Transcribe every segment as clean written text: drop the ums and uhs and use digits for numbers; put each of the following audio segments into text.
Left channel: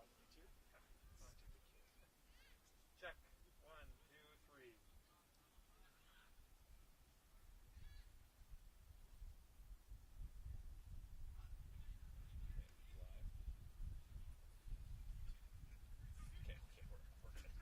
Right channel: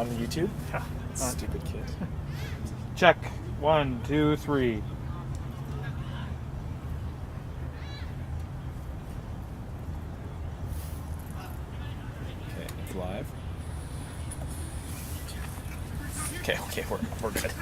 on YouTube. Yeah. Stupid kid. Check. 1, 2, 3. Okay, it's live. Okay, we're good.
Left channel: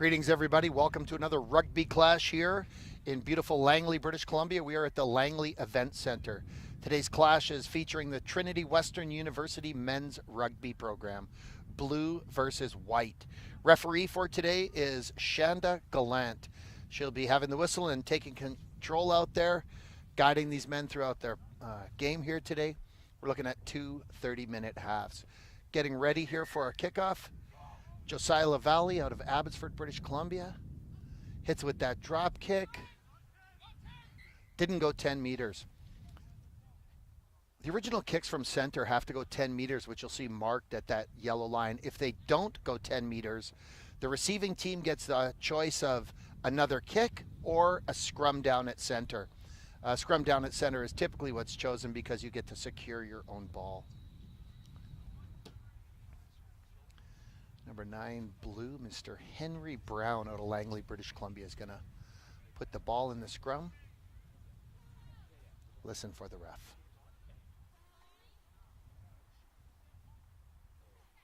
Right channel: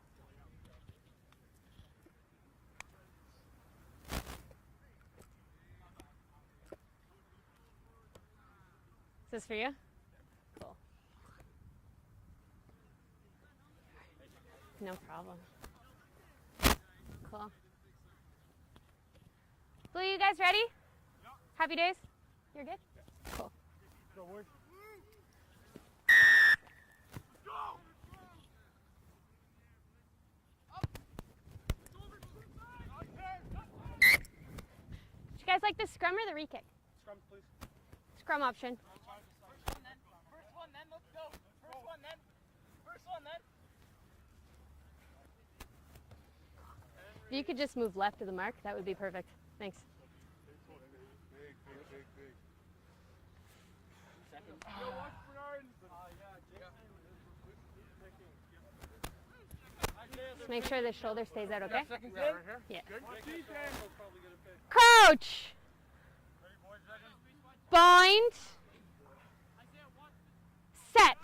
Greetings, everybody. Welcome to another rugby clash here in beautiful Langley, British Columbia. We are at the Langley Event Center. Today's clash is featuring the Trinity Western University men's rugby program, blue versus white. Referee for today is Shanda Gallant. She'll be having the whistle and taking control out there, guiding these men throughout their game here today. We're looking at two 30-minute halves. Getting ready here for our kickoff. Josiah LaValle out of Abbotsford, British Columbia. Hits with that drop kick. Didn't go 10 meters. You guys like the scrum or the re-kick? The original kicks from center have to go 10 meters, which you'll see marked at that yellow line. If they don't go 10 meters, the receiving team gets the choice of another kick or a scrum down at center. Scrum down at center is typically what's chosen because you get to secure your own ball. Number 9, blue, Mr. Henry Brown out of Langley, Make sure the British shoulder Columbia. stays out, okay? Put the ball in the scrum. Coach! Listen for the ref. Bind. Set.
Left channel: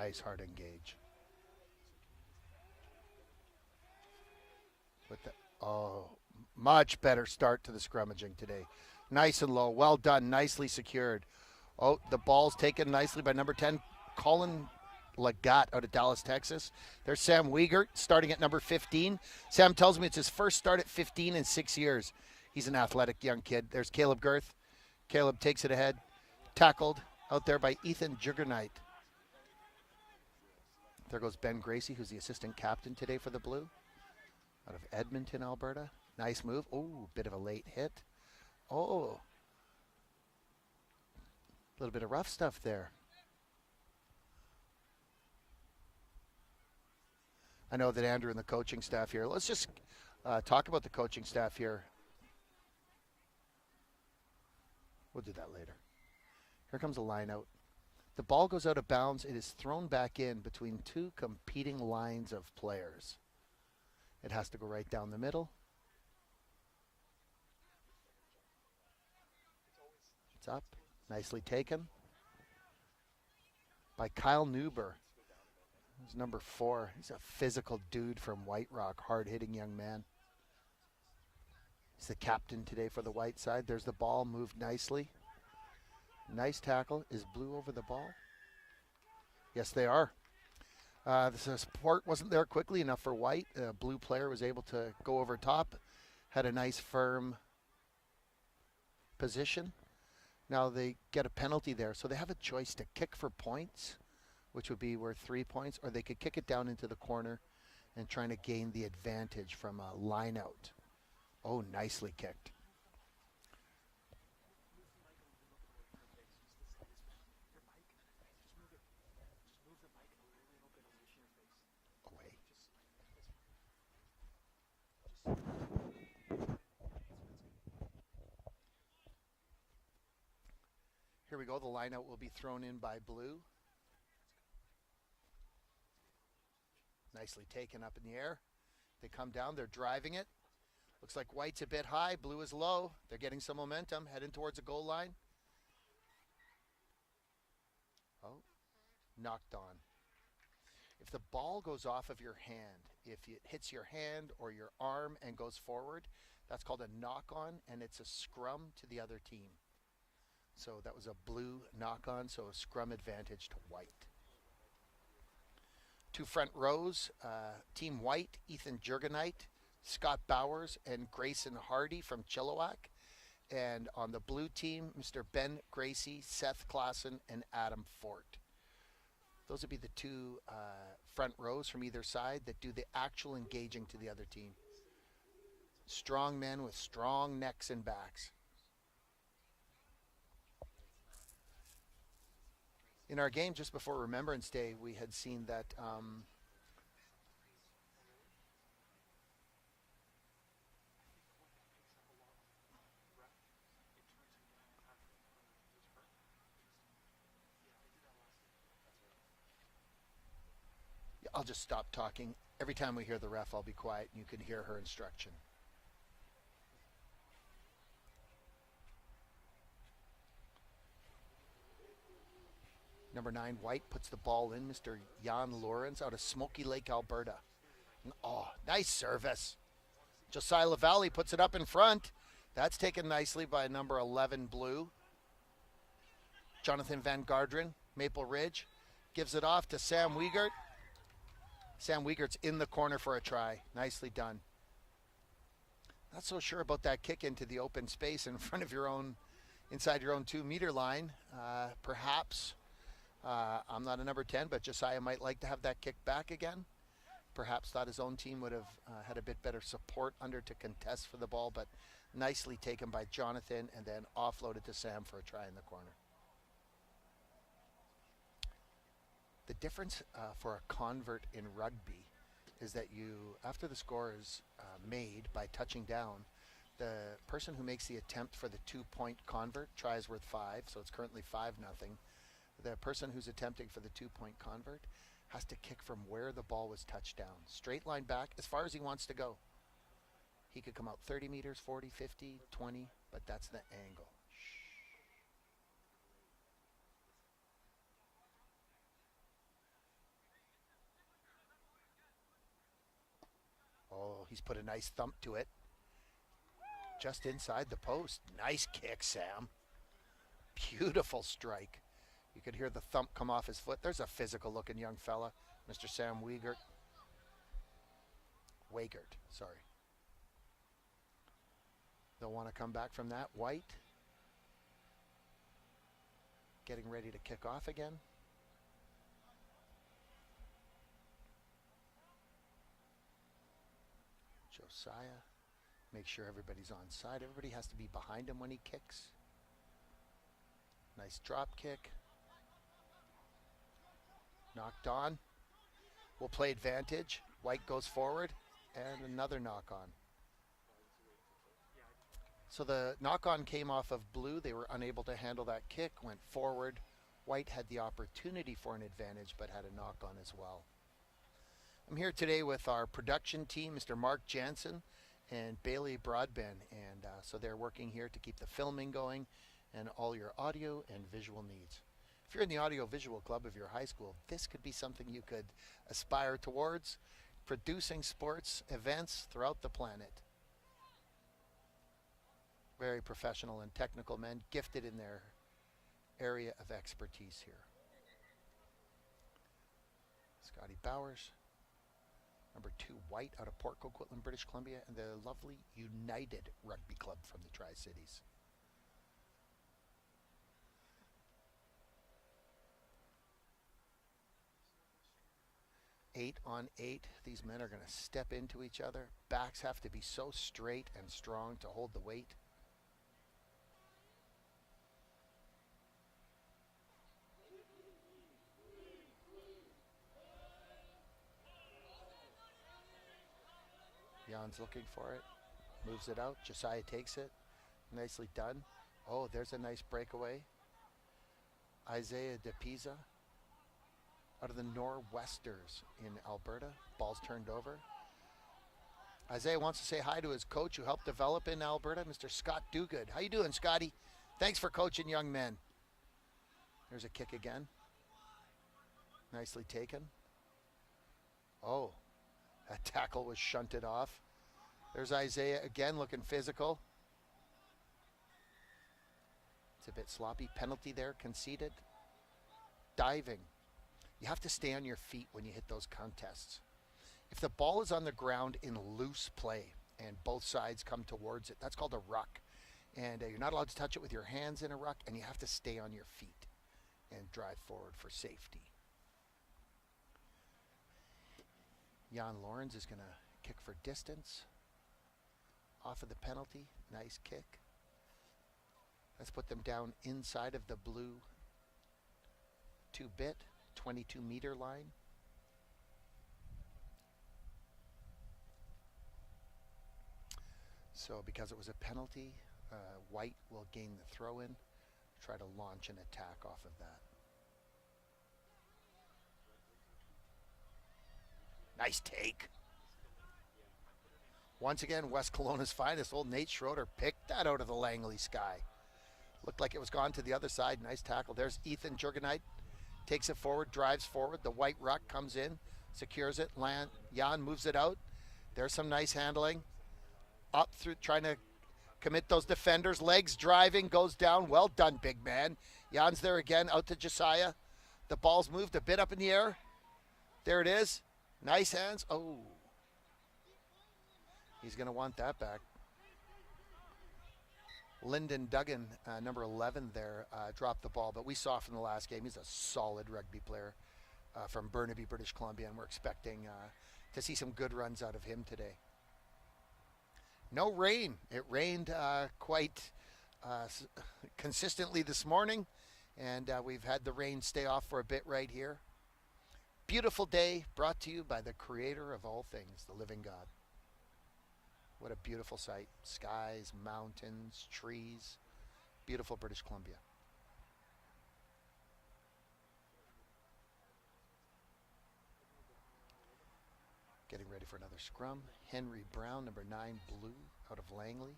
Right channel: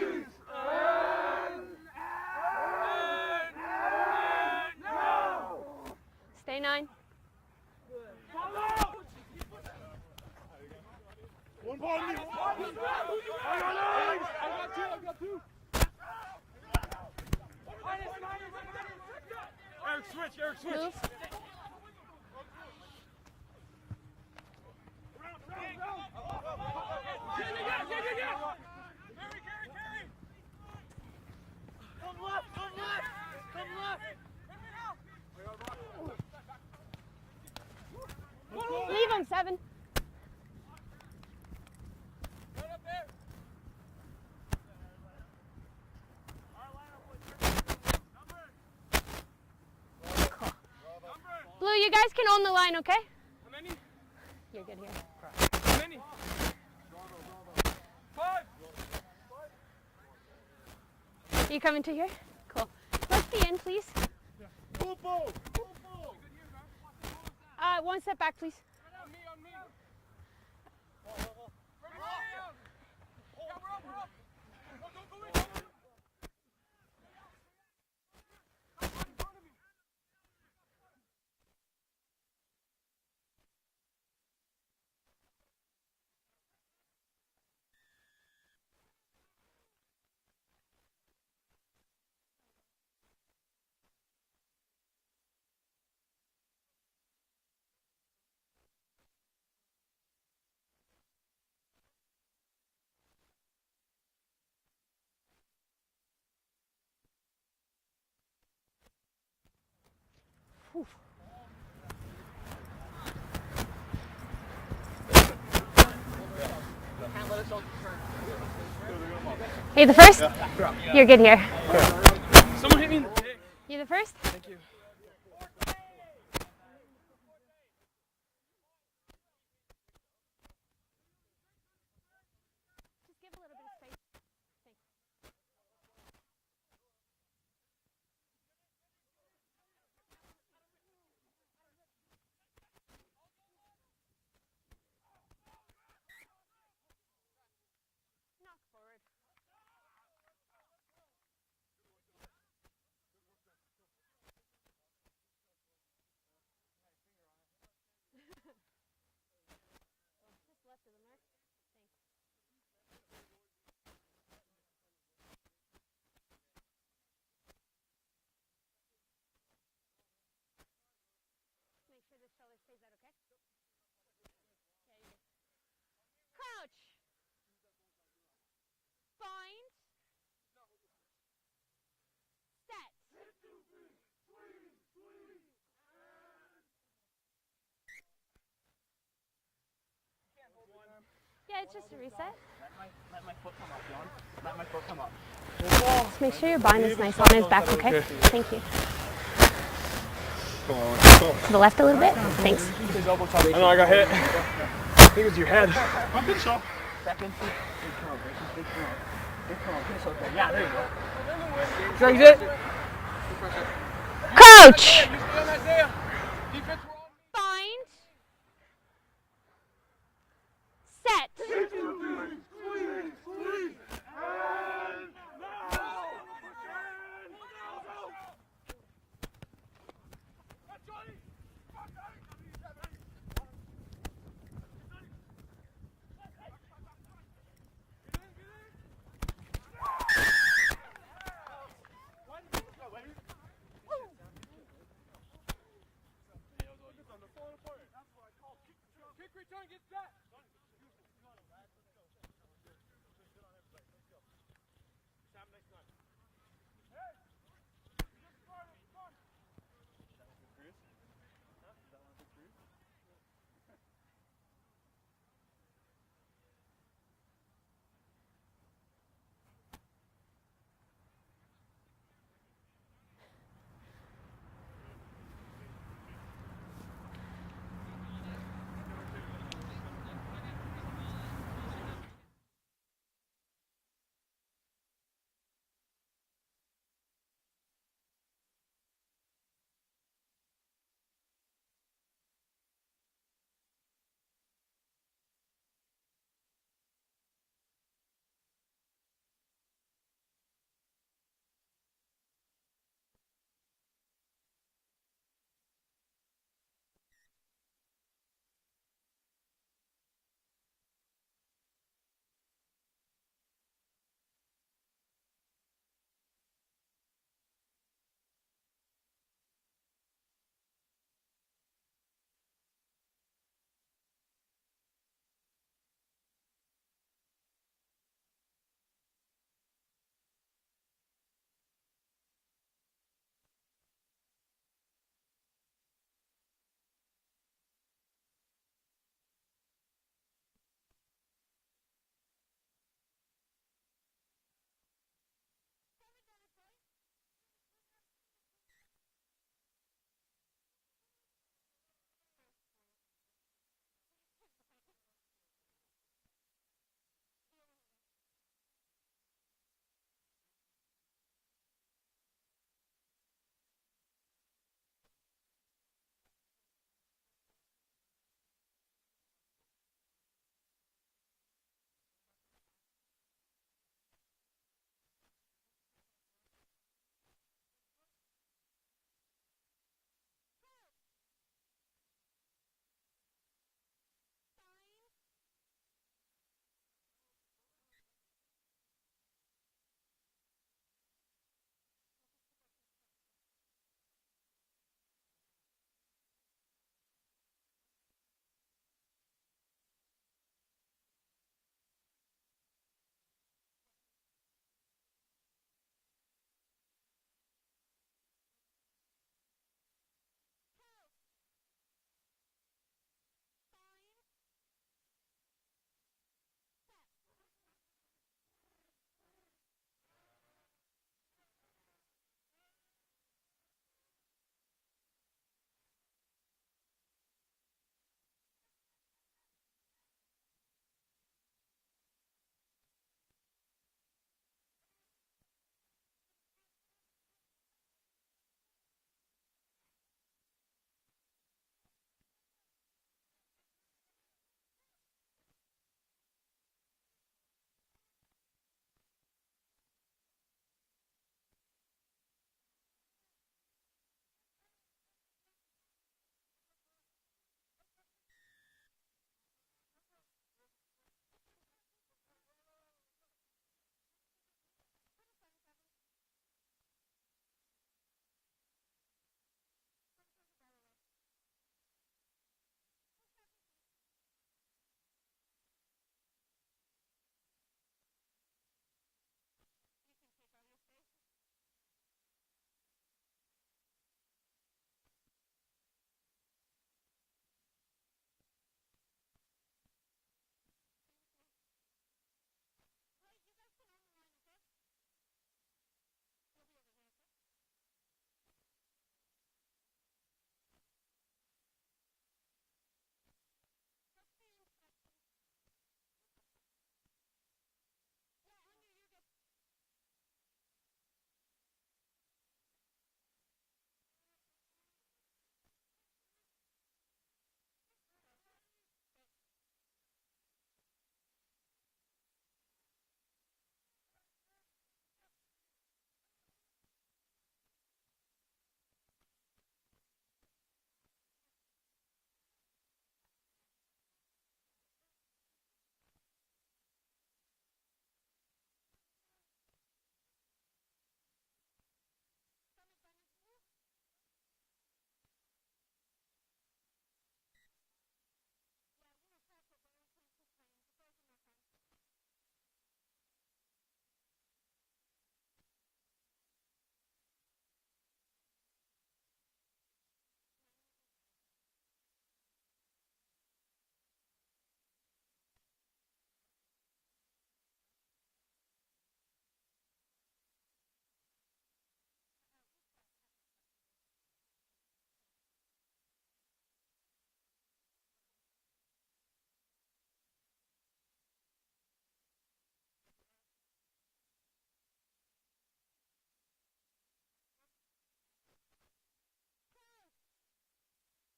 There's Harding. Oh, Stay much better start to the scrummaging today. Nice and low. Well done. Nicely secured. Oh, the ball's taken nicely by number 10, Colin Legat out of Dallas, Texas. There's Sam Wiegert starting at number 15. Sam tells me it's his first start at 15 in 6 years. He's an athletic young kid. There's Caleb Girth. Caleb takes it ahead. Tackled out there by Ethan Juggernight. There goes Ben Gracie, who's the assistant captain today for the Blue. Out of Edmonton, Alberta. Nice move. Ooh, bit of a late hit. Oh. Leave him, 7. A little bit of rough stuff there. I know that Andrew and the coaching staff here. Let's just talk about the coaching staff here. Blue, you guys can own the line, okay? You're good here. Here comes a line out. The ball goes out of bounds. It is thrown back in between two competing lines of players. Let's be in, please. It has to go right down the middle. One step back, please. It's up. Nicely taken by Kyle Newber. He's number 4. He's a physical dude from White Rock, hard-hitting young man. He's the captain today for the white side. There's the ball, moved nicely. Nice tackle. Is blue over the ball? Yes, they are. The support wasn't there quickly enough for white. Blue player was able to go over top. Had a nice firm position. Now they get a penalty there, so they have a choice to kick for points, which would be worth 3 points, or they could kick it down into the corner and trying to gain the advantage from a line out. Oof. Oh, nicely kicked. Hey, the first? You're good here. Someone hit me in the dick. You the first? Thank you. Here we go. The line out will be thrown in by blue. Nicely taken up in the air. They come down. They're driving it. Looks like white's a bit high. Blue is low. They're getting some momentum. Heading towards the goal line. Oh, knocked on. If the ball goes off of your hand, if it hits your hand or your arm and goes forward, that's called a knock-on, and it's a scrum to the other team. So that was a blue knock-on, so a scrum advantage to white. Two front rows, Team White, Ethan Jurgenite, Scott Bowers, and Grayson Hardy from Chilliwack. And on the blue team, Mr. Ben Gracie, Seth Claassen, and Adam Fort. Those would be the two front rows from either side that do the actual engaging to the other team. Strong men with strong necks and backs. Yeah, it's just a reset. In our game just before Remembrance Day, we had seen that. Just make sure your bind is nice on his back, okay? Thank you. To the left a little bit? Thanks. I know I got hit. I think it was your head. I'm good, so. Yeah, there you go. Drugs it. Coach! Bind. Set. Number 9, White puts the ball in. Mr. Jan Lorenz out of Smoky Lake, Alberta. Oh, nice service. Josiah LaValle puts it up in front. That's taken nicely by number 11 Blue. Jonathan Van Garderen, Maple Ridge, gives it off to Sam Wiegert. Sam Wiegert's in the corner for a try. Nicely done. Not so sure about that kick into the open space in front of your own, inside your own 2-meter line. Perhaps, I'm not a number 10, but Josiah might like to have that kick back again. Perhaps thought his own team would have had a bit better support under to contest for the ball, but nicely taken by Jonathan and then offloaded to Sam for a try in the corner. The difference for a convert in rugby is that you, after the score is made by touching down, the person who makes the attempt for the 2-point convert tries with 5, so it's currently 5-0. The person who's attempting for the 2-point convert has to kick from where the ball was touched down. Straight line back as far as he wants to go. He could come out 30 meters, 40, 50, 20, but that's the angle. Oh, he's put a nice thump to it. Just inside the post. Nice kick, Sam. Beautiful strike. You could hear the thump come off his foot. There's a physical-looking young fella, Mr. Sam Wiegert. Wiegert, sorry. They'll want to come back from that. White. Getting ready to kick off again. Josiah. Make sure everybody's on side. Everybody has to be behind him when he kicks. Nice drop kick. Knocked on. We'll play advantage. White goes forward. And another knock on. So the knock on came off of Blue. They were unable to handle that kick. Went forward. White had the opportunity for an advantage, but had a knock on as well. I'm here today with our production team, Mr. Mark Jansen and Bailey Broadbent. And so they're working here to keep the filming going and all your audio and visual needs. If you're in the audio-visual club of your high school, this could be something you could aspire towards, producing sports events throughout the planet. Very professional and technical men, gifted in their area of expertise here. Scotty Bowers, number 2 White out of Port Coquitlam, British Columbia, and the lovely United Rugby Club from the Tri-Cities. Eight on 8. These men are going to step into each other. Backs have to be so straight and strong to hold the weight. Jan's looking for it. Moves it out. Josiah takes it. Nicely done. Oh, there's a nice breakaway. Isaiah DePisa out of the Nor'westers in Alberta. Ball's turned over. Isaiah wants to say hi to his coach who helped develop in Alberta, Mr. Scott Duguid. How you doing, Scotty? Thanks for coaching young men. There's a kick again. Nicely taken. Oh, that tackle was shunted off. There's Isaiah again looking physical. It's a bit sloppy. Penalty there, conceded. Diving. You have to stay on your feet when you hit those contests. If the ball is on the ground in loose play and both sides come towards it, that's called a ruck. And you're not allowed to touch it with your hands in a ruck, and you have to stay on your feet and drive forward for safety. Jan Lawrence is going to kick for distance. Off of the penalty. Nice kick. Let's put them down inside of the blue 2-bit, 22-meter line. So because it was a penalty, White will gain the throw-in, try to launch an attack off of that. Nice take. Once again, West Kelowna's finest, old Nate Schroeder, picked that out of the Langley sky. Looked like it was gone to the other side. Nice tackle. There's Ethan Jurgenite. Takes it forward, drives forward. The white ruck comes in. secures it. Jan moves it out. There's some nice handling. Up through, trying to commit those defenders. Legs driving, goes down. Well done, big man. Jan's there again, out to Josiah. The ball's moved a bit up in the air. There it is. Nice hands. Oh. He's going to want that back. Lyndon Duggan, number 11 there, dropped the ball. But we saw from the last game, he's a solid rugby player from Burnaby, British Columbia. And we're expecting to see some good runs out of him today. No rain. It rained quite consistently this morning. And we've had the rain stay off for a bit right here. Beautiful day brought to you by the creator of all things, the living God. What a beautiful sight. Skies, mountains, trees. Beautiful British Columbia. Getting ready for another scrum. Henry Brown, number 9, blue, out of Langley.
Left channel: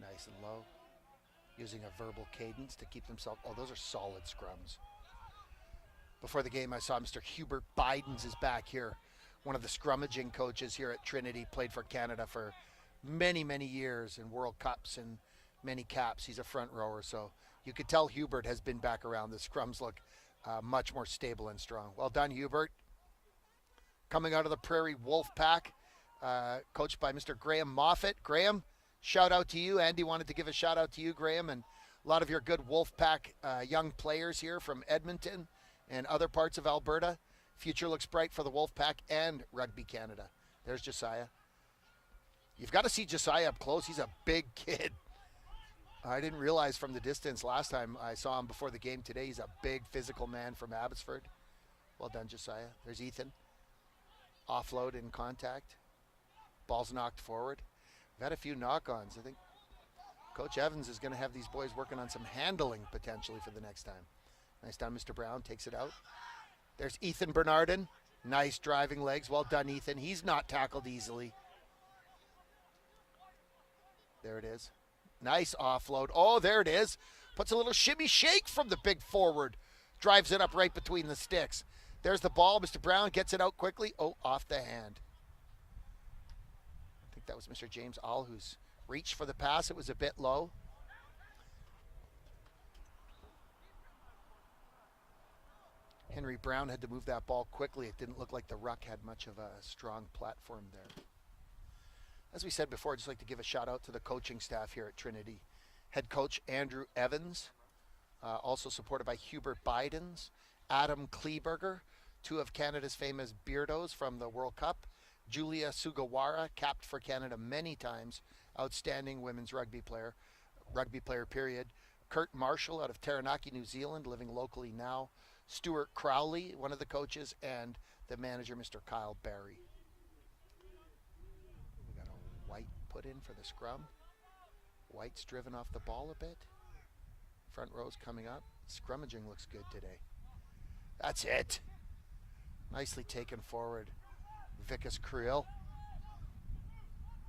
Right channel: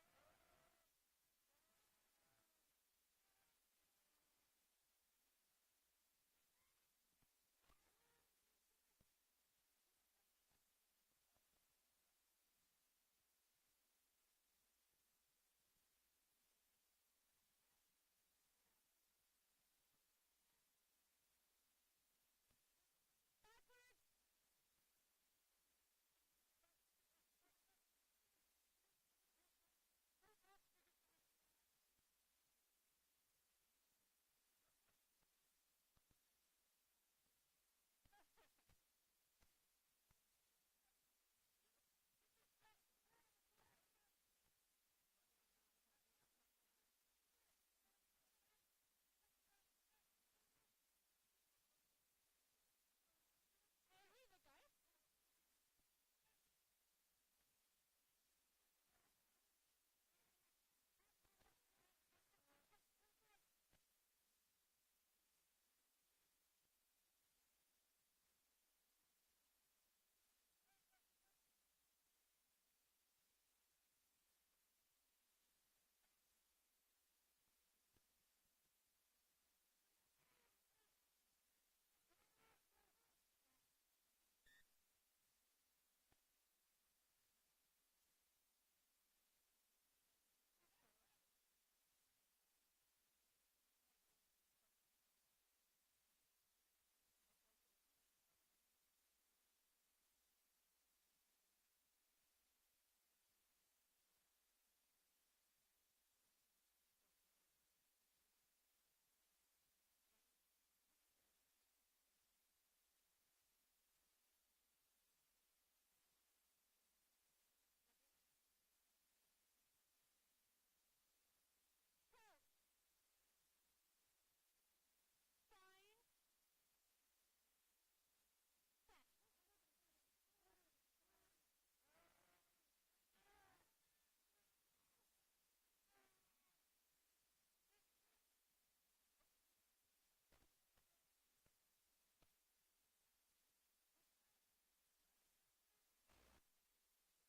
Nice and low. Using a verbal cadence to keep themselves. Oh, those are solid scrums. Before the game, I saw Mr. Hubert Bidens is back here. One of the scrummaging coaches here at Trinity. Played for Canada for many, many years in World Cups and many caps. He's a front rower, so you could tell Hubert has been back around. The scrums look much more stable and strong. Well done, Hubert. Coming out of the Prairie Wolf Pack, coached by Mr. Graham Moffat. Graham, shout out to you. Andy wanted to give a shout out to you, Graham, and a lot of your good Wolfpack young players here from Edmonton and other parts of Alberta. Future looks bright for the Wolfpack and Rugby Canada. There's Josiah. You've got to see Josiah up close. He's a big kid. I didn't realize from the distance last time I saw him before the game today. He's a big physical man from Abbotsford. Well done, Josiah. There's Ethan. Offload in contact. Ball's knocked forward. We've had a few knock-ons. I think Coach Evans is going to have these boys working on some handling potentially for the next time. Nice done, Mr. Brown. Takes it out. There's Ethan Bernardin. Nice driving legs. Well done, Ethan. He's not tackled easily. There it is. Nice offload. Oh, there it is. Puts a little shimmy shake from the big forward. Drives it up right between the sticks. There's the ball. Mr. Brown gets it out quickly. Oh, off the hand. I think that was Mr. James All who's reached for the pass. It was a bit low. Henry Brown had to move that ball quickly. It didn't look like the ruck had much of a strong platform there. As we said before, I'd just like to give a shout out to the coaching staff here at Trinity. Head coach Andrew Evans, also supported by Hubert Bidens, Adam Kleberger, two of Canada's famous beardos from the World Cup, Julia Sugawara, capped for Canada many times, outstanding women's rugby player period, Kurt Marshall out of Taranaki, New Zealand, living locally now, Stuart Crowley, one of the coaches, and the manager, Mr. Kyle Barry. We got a White put in for the scrum. White's driven off the ball a bit. Front row's coming up. Scrummaging looks good today. That's it. Nicely taken forward. Vickers Creel.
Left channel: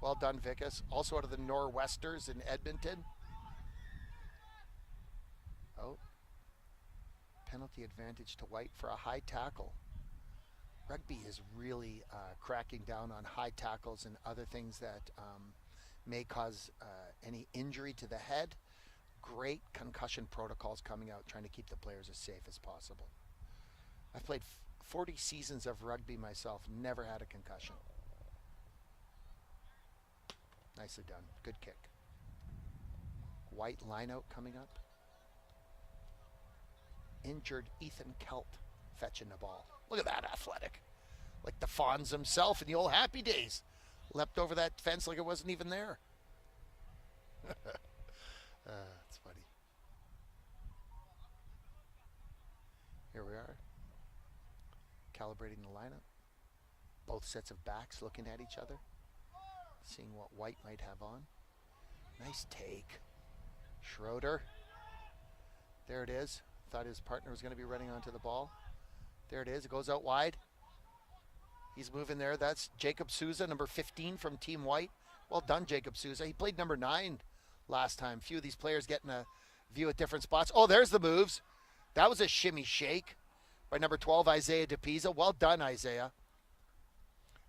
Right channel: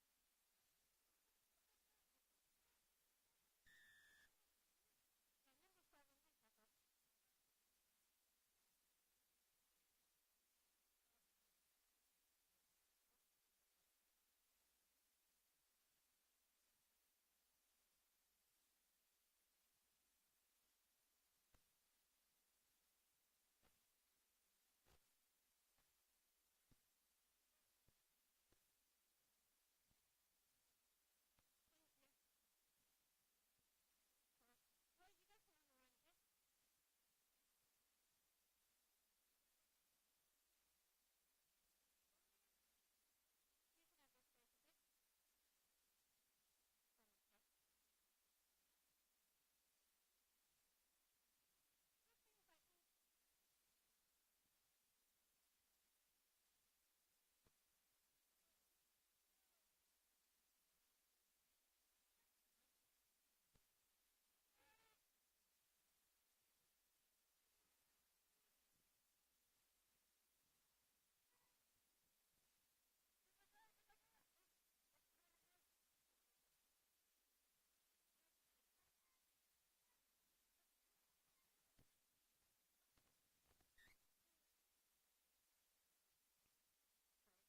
Well done, Vickers. Also out of the Nor'Westers in Edmonton. Oh. Penalty advantage to White for a high tackle. Rugby is really cracking down on high tackles and other things that may cause any injury to the head. Great concussion protocols coming out, trying to keep the players as safe as possible. I've played 40 seasons of rugby myself, never had a concussion. Nicely done. Good kick. White line out coming up. Injured Ethan Kelt fetching the ball. Look at that, athletic. Like the Fonz himself in the old happy days. Leapt over that fence like it wasn't even there. That's funny. Here we are. Calibrating the lineup. Both sets of backs looking at each other. Seeing what White might have on. Nice take. Schroeder. There it is. Thought his partner was going to be running onto the ball. There it is. It goes out wide. He's moving there. That's Jacob Souza, number 15 from Team White. Well done, Jacob Souza. He played number 9 last time. A few of these players getting a view at different spots. Oh, there's the moves. That was a shimmy shake by number 12, Isaiah DePisa. Well done, Isaiah.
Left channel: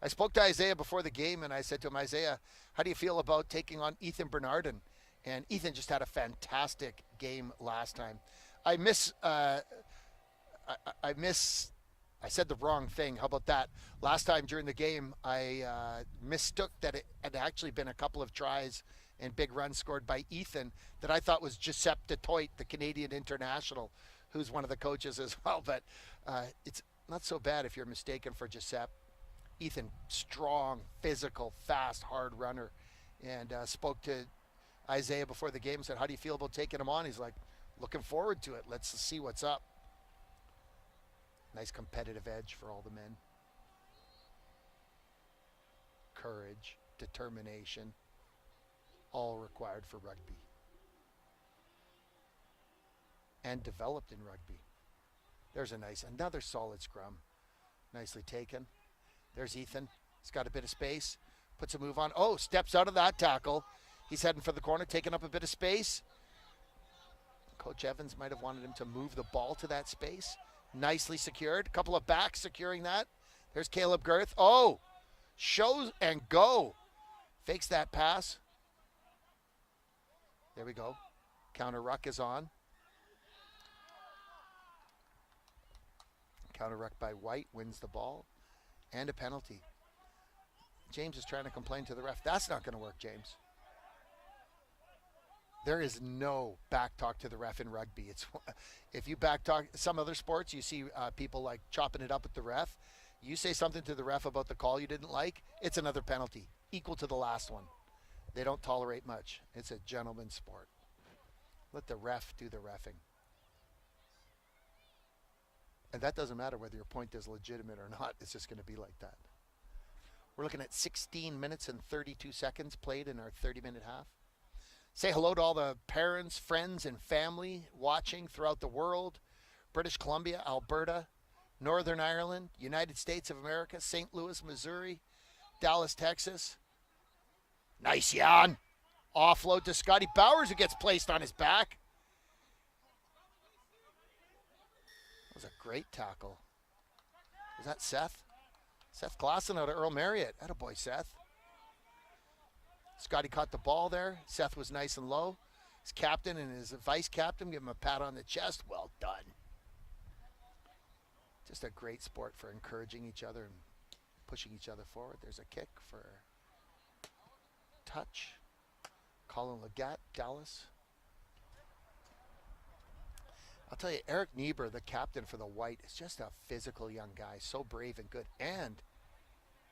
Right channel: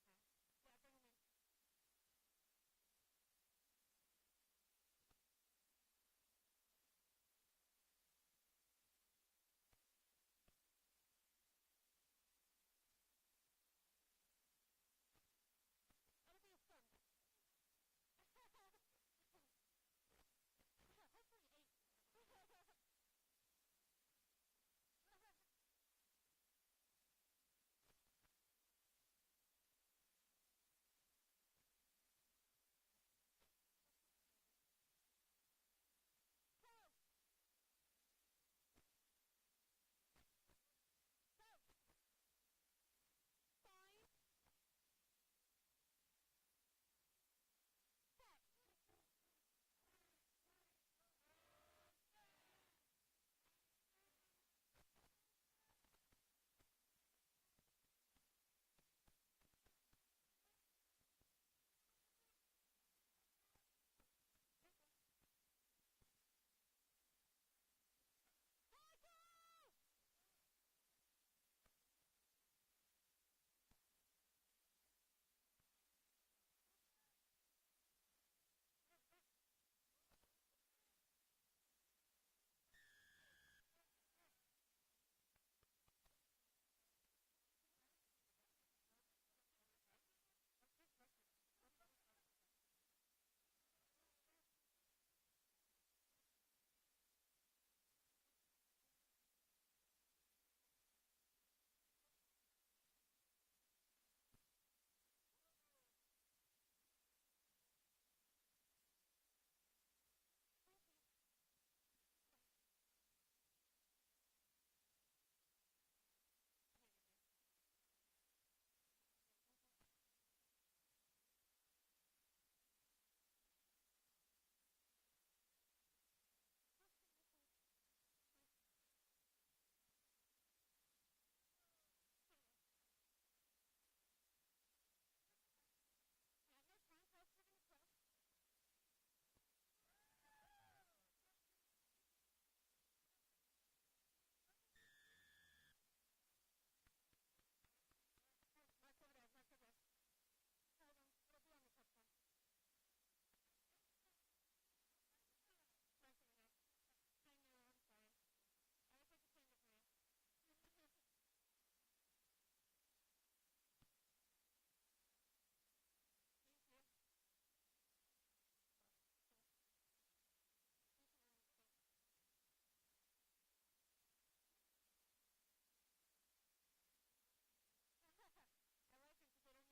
I spoke to Isaiah before the game, and I said to him, Isaiah, how do you feel about taking on Ethan Bernardin? And Ethan just had a fantastic game last time. I said the wrong thing. How about that? Last time during the game, I mistook that it had actually been a couple of tries and big runs scored by Ethan that I thought was Giuseppe Detoit, the Canadian international, who's one of the coaches as well. But it's not so bad if you're mistaken for Giuseppe. Ethan, strong, physical, fast, hard runner. And spoke to Isaiah before the game and said, how do you feel about taking him on? He's like, looking forward to it. Let's see what's up. Nice competitive edge for all the men. Courage, determination, all required for rugby. And developed in rugby. There's another solid scrum. Nicely taken. There's Ethan. He's got a bit of space. Puts a move on. Oh, steps out of that tackle. He's heading for the corner, taking up a bit of space. Coach Evans might have wanted him to move the ball to that space. Nicely secured. A couple of backs securing that. There's Caleb Girth. Oh, shows and go. Fakes that pass. There we go. Counter ruck is on. Counter ruck by White wins the ball. And a penalty. James is trying to complain to the ref. That's not going to work, James. There is no back talk to the ref in rugby. It's if you back talk some other sports, you see people like chopping it up with the ref. You say something to the ref about the call you didn't like, it's another penalty, equal to the last one. They don't tolerate much. It's a gentleman's sport. Let the ref do the reffing. And that doesn't matter whether your point is legitimate or not. It's just going to be like that. We're looking at 16 minutes and 32 seconds played in our 30-minute half. Say hello to all the parents, friends, and family watching throughout the world. British Columbia, Alberta, Northern Ireland, United States of America, St. Louis, Missouri, Dallas, Texas. Nice, Jan. Offload to Scotty Bowers, who gets placed on his back. That was a great tackle. Was that Seth? Seth Clausen out of Earl Marriott. Attaboy, Seth. Scotty caught the ball there. Seth was nice and low. His captain and his vice captain give him a pat on the chest. Well done. Just a great sport for encouraging each other and pushing each other forward. There's a kick for touch. Colin Leggett, Dallas. I'll tell you, Eric Niebuhr, the captain for the White, is just a physical young guy. So brave and good. And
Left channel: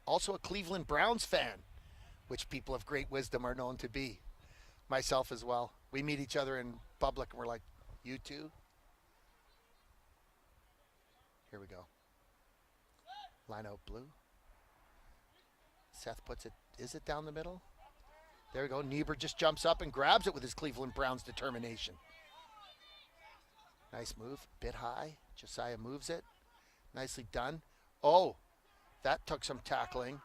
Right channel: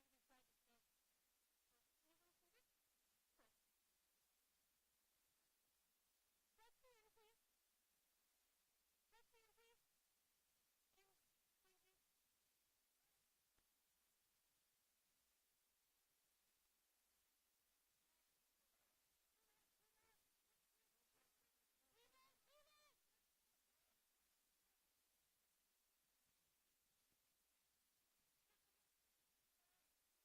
also a Cleveland Browns fan, which people of great wisdom are known to be. Myself as well. We meet each other in public and we're like, you too? Here we go. Line out blue. Seth puts it, is it down the middle? There we go. Niebuhr just jumps up and grabs it with his Cleveland Browns determination. Nice move, bit high. Josiah moves it. Nicely done. Oh, that took some tackling.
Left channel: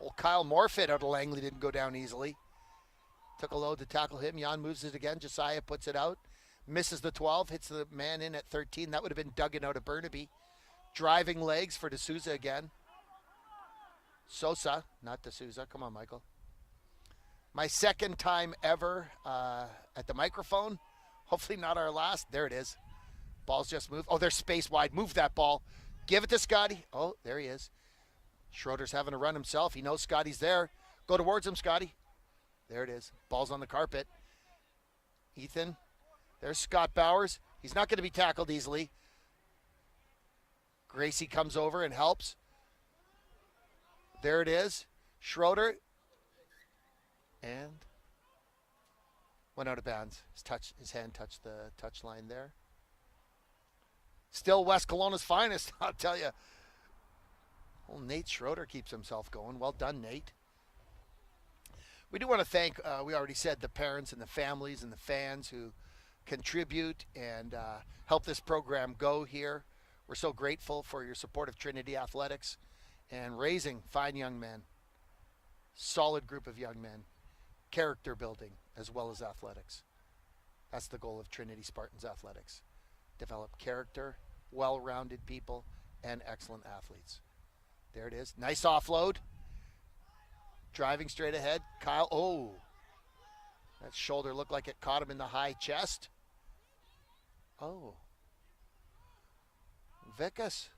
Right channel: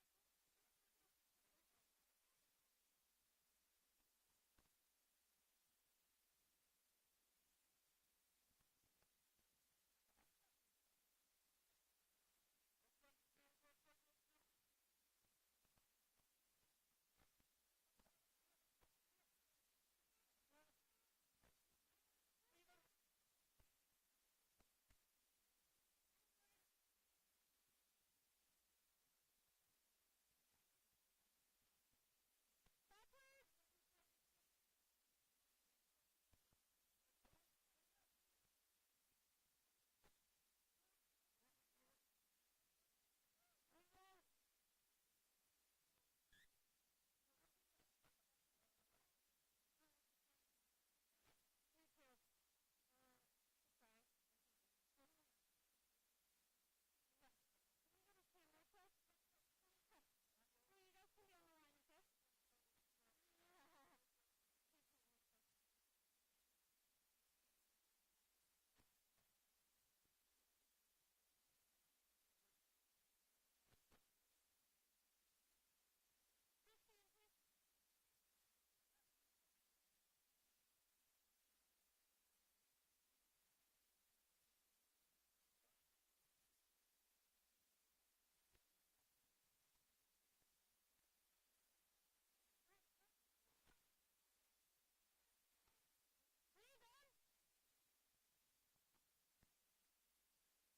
Old Kyle Morfitt out of Langley didn't go down easily. Took a load to tackle him. Jan moves it again. Josiah puts it out. Misses the 12. Hits the man in at 13. That would have been Duggan out of Burnaby. Driving legs for D'Souza again. Sosa, not D'Souza. Come on, Michael. My second time ever at the microphone. Hopefully not our last. There it is. Ball's just moved. Oh, there's space wide. Move that ball. Give it to Scotty. Oh, there he is. Schroeder's having a run himself. He knows Scotty's there. Go towards him, Scotty. There it is. Ball's on the carpet. Ethan. There's Scott Bowers. He's not going to be tackled easily. Gracie comes over and helps. There it is. Schroeder. And went out of bounds. His hand touched the touch line there. Still West Kelowna's finest, I'll tell you. Well, Nate Schroeder keeps himself going. Well done, Nate. We do want to thank, we already said, the parents and the families and the fans who contribute and help this program go here. We're so grateful for your support of Trinity Athletics and raising fine young men. Solid group of young men. character building as well as athletics. That's the goal of Trinity Spartans athletics. Develop character, well-rounded people, and excellent athletes. There it is. Nice offload. Driving straight ahead. Kyle, oh. That shoulder looked like it caught him in the high chest. Oh. Vickers.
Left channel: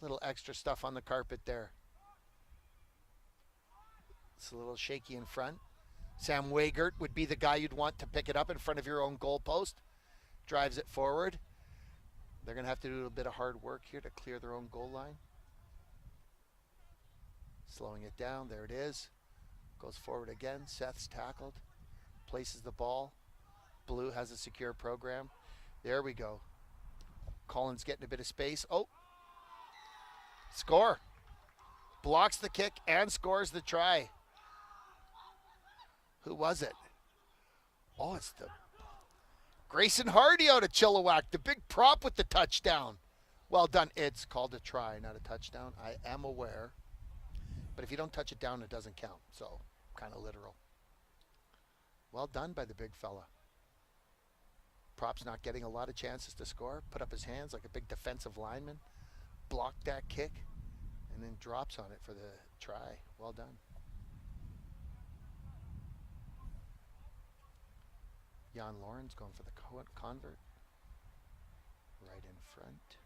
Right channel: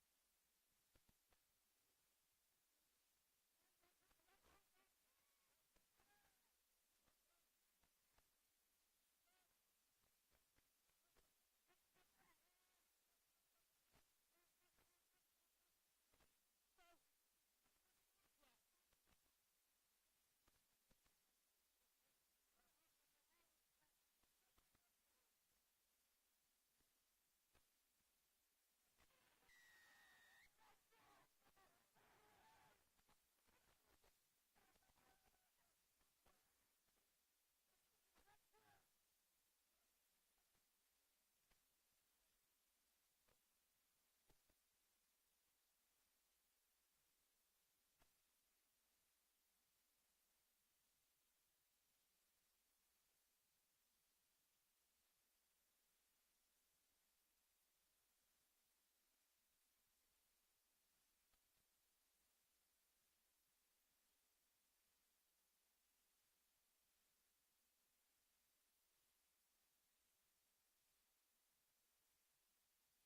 Little extra stuff on the carpet there. It's a little shaky in front. Sam Wiegert would be the guy you'd want to pick it up in front of your own goal post. Drives it forward. They're going to have to do a bit of hard work here to clear their own goal line. Slowing it down. There it is. Goes forward again. Seth's tackled. Places the ball. Blue has a secure program. There we go. Collins getting a bit of space. Oh. Score. Blocks the kick and scores the try. Who was it? Oh, it's the Grayson Hardy out of Chilliwack, the big prop with the touchdown. Well done. It's called a try, not a touchdown. I am aware. But if you don't touch it down, it doesn't count. So, kind of literal. Well done by the big fella. Prop's not getting a lot of chances to score. Put up his hands like a big defensive lineman. Blocked that kick. And then drops on it for the try. Well done. Jan Lawrence going for the convert. Right in front.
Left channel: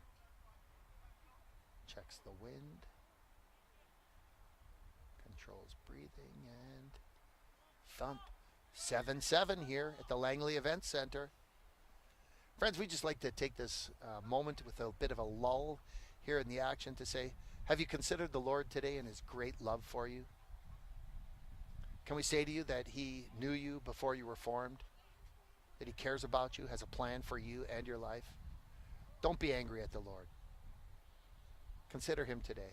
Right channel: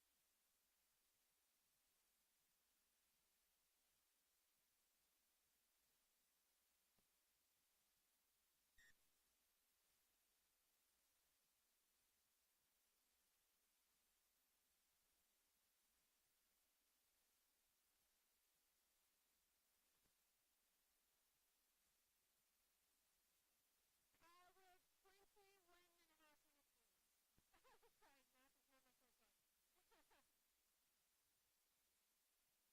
Checks the wind. Controls breathing and thump. 7-7 here at the Langley Event Center. Friends, we just like to take this moment with a bit of a lull here in the action to say, have you considered the Lord today and his great love for you? Can we say to you that he knew you before you were formed? That he cares about you, has a plan for you and your life? Don't be angry at the Lord. Consider him today.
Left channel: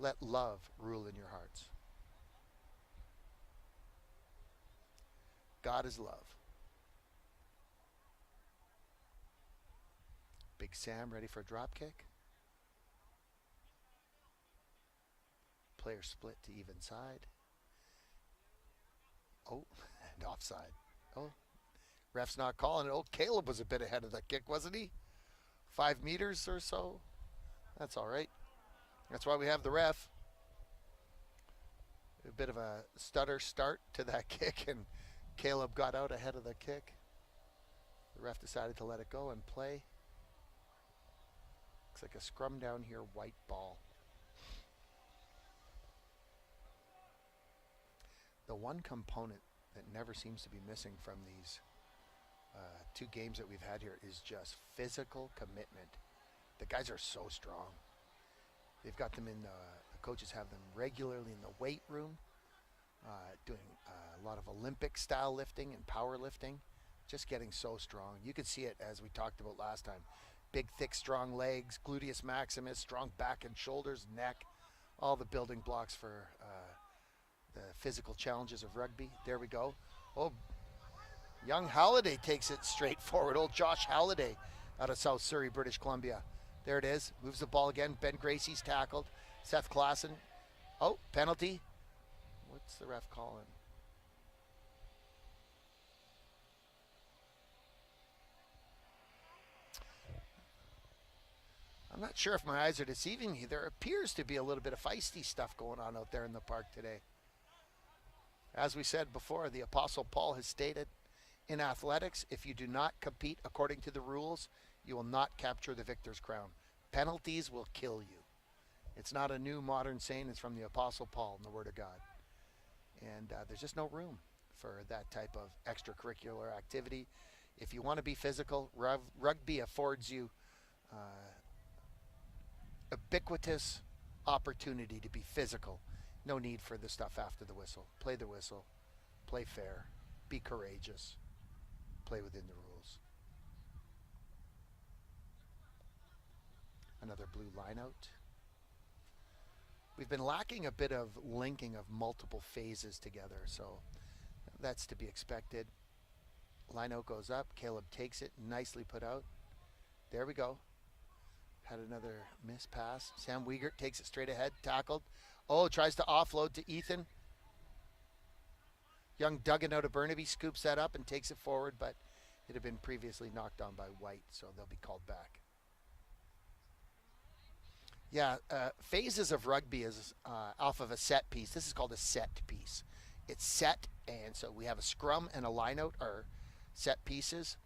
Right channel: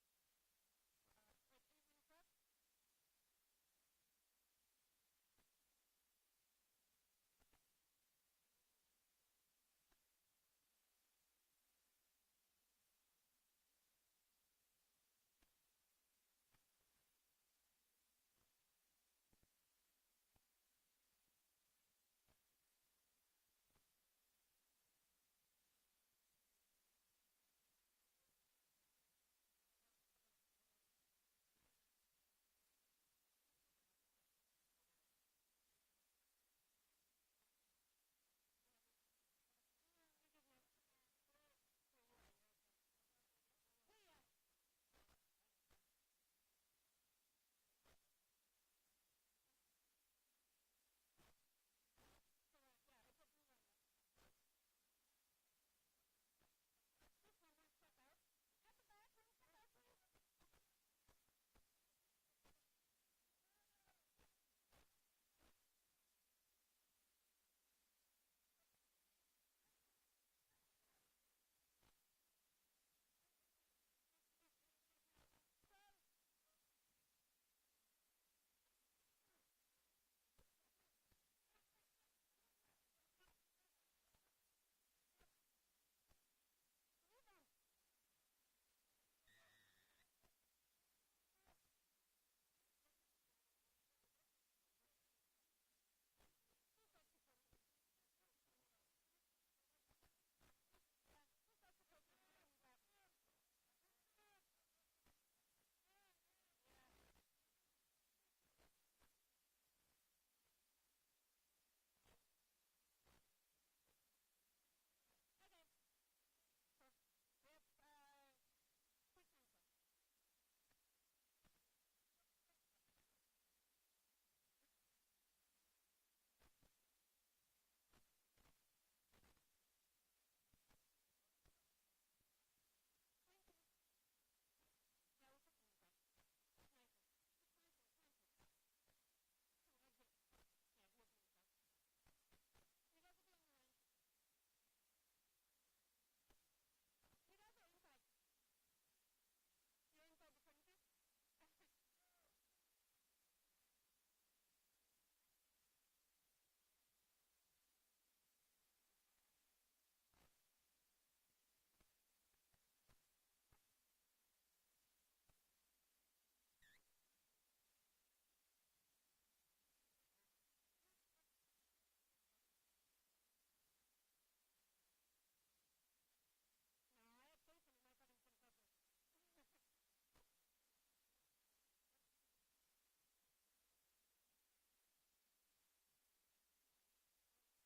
Let love rule in your hearts. God is love. Big Sam ready for a drop kick. Player split to even side. Oh, and offside. Oh, ref's not calling it. Oh, Caleb was a bit ahead of the kick, wasn't he? 5 meters or so. That's all right. That's why we have the ref. A bit of a stutter start to that kick, and Caleb got out ahead of the kick. The ref decided to let it go and play. Looks like a scrum down here, white ball. The one component that never seems to be missing from these 2 games that we've had here is just physical commitment. The guys are so strong. They've got them in the coaches have them regularly in the weight room, doing a lot of Olympic style lifting and power lifting, just getting so strong. You could see it as we talked about last time. Big, thick, strong legs, gluteus maximus, strong back and shoulders, neck, all the building blocks for the physical challenges of rugby. There we go. Oh, young Halliday takes it straight forward. Old Josh Halliday out of South Surrey, British Columbia. There it is. Moves the ball again. Ben Gracie's tackled. Seth Klassen. Oh, penalty. What's the ref calling? I'm not sure if my eyes are deceiving me. There appears to be a little bit of feisty stuff going on out there in the park today. As we said before, the Apostle Paul has stated, in athletics, if you do not compete according to the rules, you will not capture the victor's crown. Penalties will kill you. It's not a new modern saying. It's from the Apostle Paul in the Word of God. And there's just no room for that type of extracurricular activity. If you want to be physical, rugby affords you ubiquitous opportunity to be physical. No need for the stuff after the whistle. Play the whistle. Play fair. Be courageous. Play within the rules. Another blue line out. We've been lacking a bit of linking of multiple phases together, so that's to be expected. Line out goes up. Caleb takes it. Nicely put out. There we go. Had another miss pass. Sam Wiegert takes it straight ahead. Tackled. Oh, tries to offload to Ethan. Young Duggan out of Burnaby scoops that up and takes it forward, but it had been previously knocked on by White, so they'll be called back. Yeah, phases of rugby is off of a set piece. This is called a set piece. It's set, and so we have a scrum and a line-out are set pieces.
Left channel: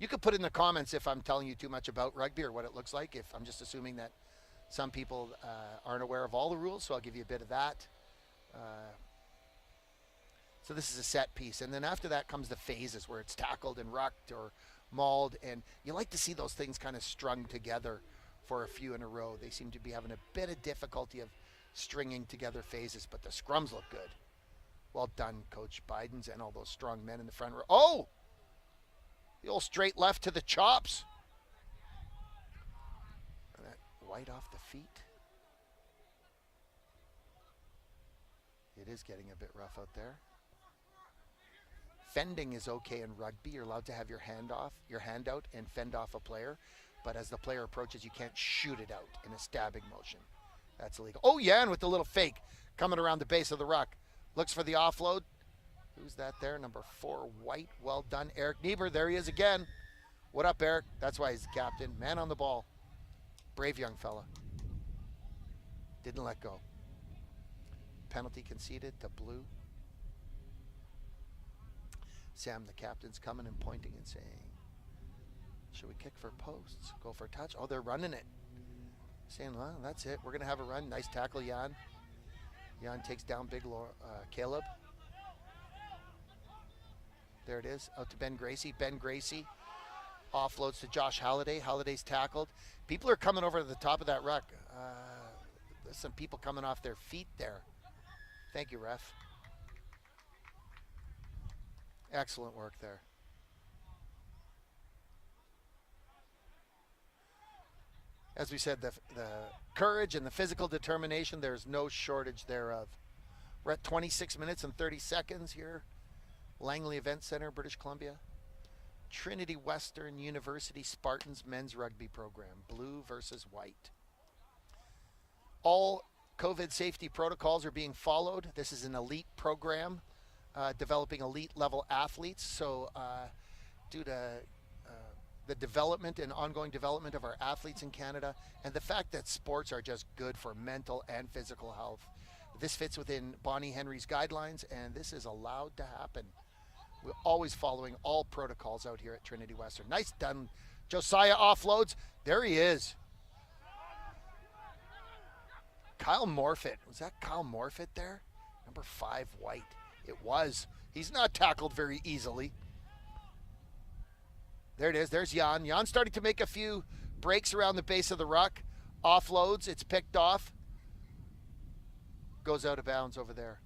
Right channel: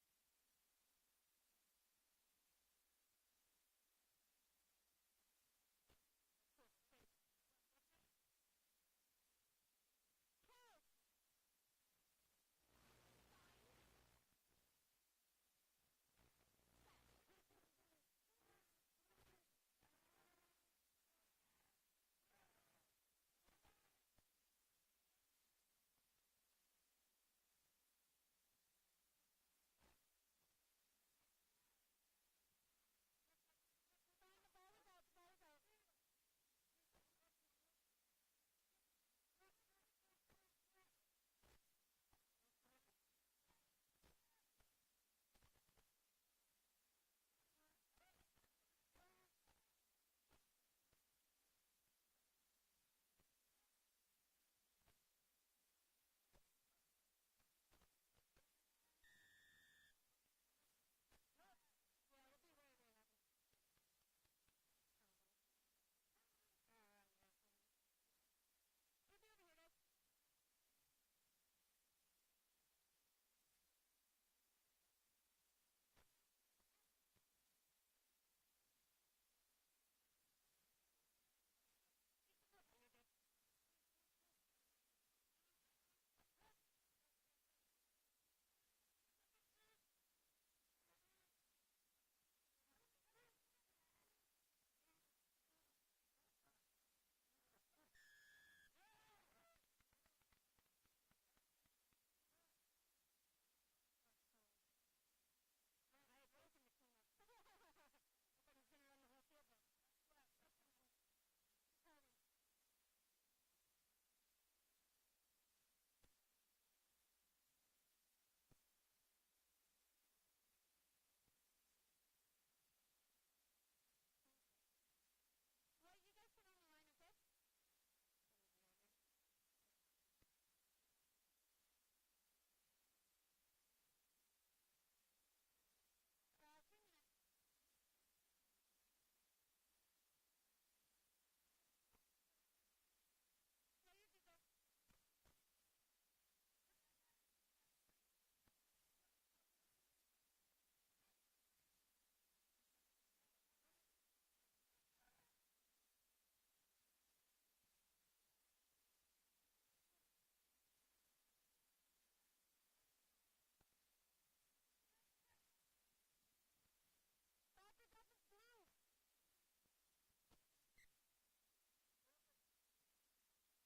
You could put in the comments if I'm telling you too much about rugby or what it looks like, if I'm just assuming that some people aren't aware of all the rules, so I'll give you a bit of that. So this is a set piece, and then after that comes the phases where it's tackled and rucked or mauled, and you like to see those things kind of strung together for a few in a row. They seem to be having a bit of difficulty of stringing together phases, but the scrums look good. Well done, Coach Bidens and all those strong men in the front row. Oh! The old straight left to the chops. And that White off the feet. It is getting a bit rough out there. Fending is okay in rugby. You're allowed to have your hand out and fend off a player. But as the player approaches, you can't shoot it out in a stabbing motion. That's illegal. Oh, yeah, and with the little fake coming around the base of the ruck. Looks for the offload. Who's that there? Number 4, White. Well done, Eric Niebuhr. There he is again. What up, Eric? That's why he's the captain. Man on the ball. Brave young fella. Didn't let go. Penalty conceded to Blue. Sam, the captain's coming and pointing and saying, should we kick for posts? Go for a touch? Oh, they're running it. Saying, well, that's it. We're going to have a run. Nice tackle, Jan. Jan takes down big Caleb. There it is. Out to Ben Gracie. Ben Gracie offloads to Josh Halliday. Halliday's tackled. People are coming over to the top of that ruck. There's some people coming off their feet there. Thank you, ref. Excellent work there. As we said, the courage and the physical determination, there's no shortage thereof. We're at 26 minutes and 30 seconds here. Langley Event Center, British Columbia. Trinity Western University Spartans men's rugby program, blue versus white. All COVID safety protocols are being followed. This is an elite program developing elite level athletes. So due to the development and ongoing development of our athletes in Canada and the fact that sports are just good for mental and physical health, this fits within Bonnie Henry's guidelines, and this is allowed to happen. We're always following all protocols out here at Trinity Western. Nice done. Josiah offloads. There he is. Kyle Morfitt. Was that Kyle Morfitt there? Number 5, White. It was. He's not tackled very easily. There it is. There's Jan. Jan's starting to make a few breaks around the base of the ruck. Offloads. It's picked off. Goes out of bounds over there.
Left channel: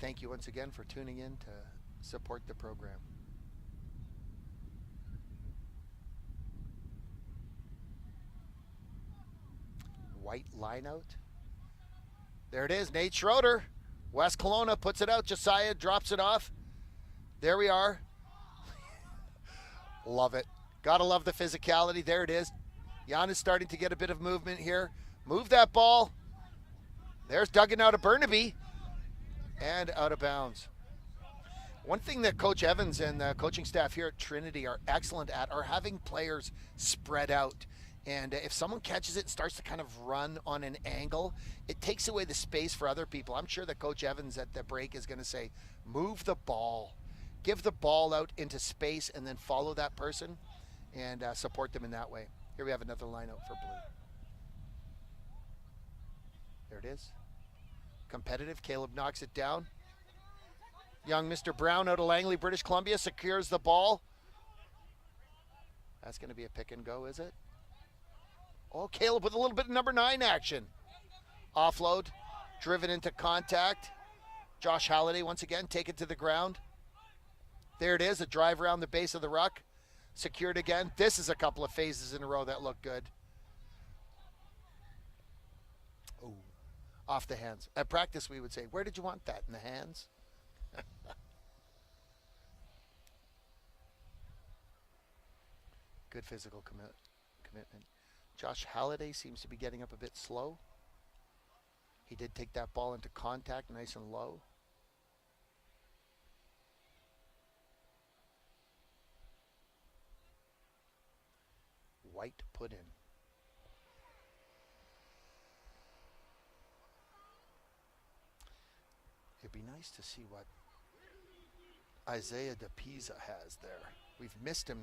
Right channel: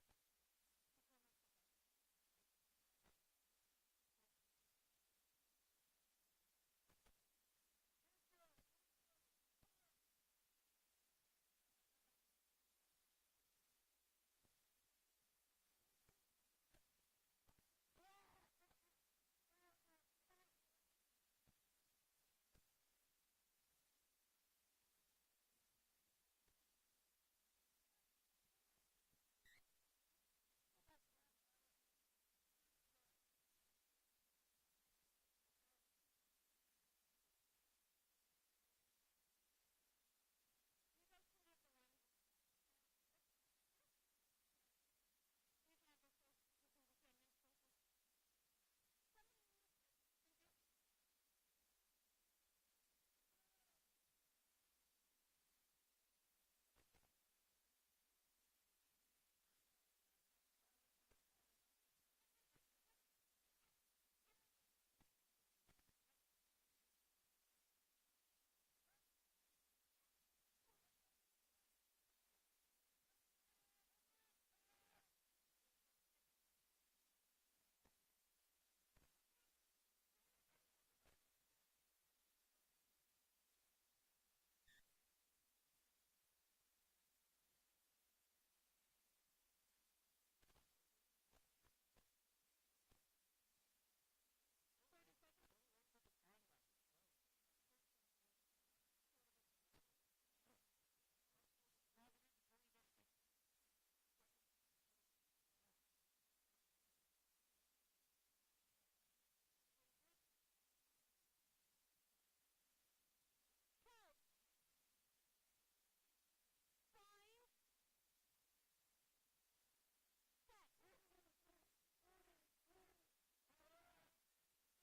Thank you once again for tuning in to support the program. White line out. There it is, Nate Schroeder. West Kelowna puts it out. Josiah drops it off. There we are. Love it. Gotta love the physicality. There it is. Jan is starting to get a bit of movement here. Move that ball. There's Duggan out of Burnaby. And out of bounds. One thing that Coach Evans and the coaching staff here at Trinity are excellent at are having players spread out. And if someone catches it and starts to kind of run on an angle, it takes away the space for other people. I'm sure that Coach Evans at the break is going to say, move the ball. Give the ball out into space and then follow that person and support them in that way. Here we have another line out for blue. There it is. Competitive. Caleb knocks it down. Young Mr. Brown out of Langley, British Columbia, secures the ball. That's going to be a pick and go, is it? Oh, Caleb with a little bit of number 9 action. Offload, driven into contact. Josh Halliday once again taken to the ground. There it is, a drive around the base of the ruck. Secured again. This is a couple of phases in a row that look good. Oh, off the hands. At practice we would say, where did you want that? In the hands? Good physical commitment. Josh Halliday seems to be getting up a bit slow. He did take that ball into contact nice and low. White put in. It'd be nice to see what Isaiah DePisa has there. We've missed him.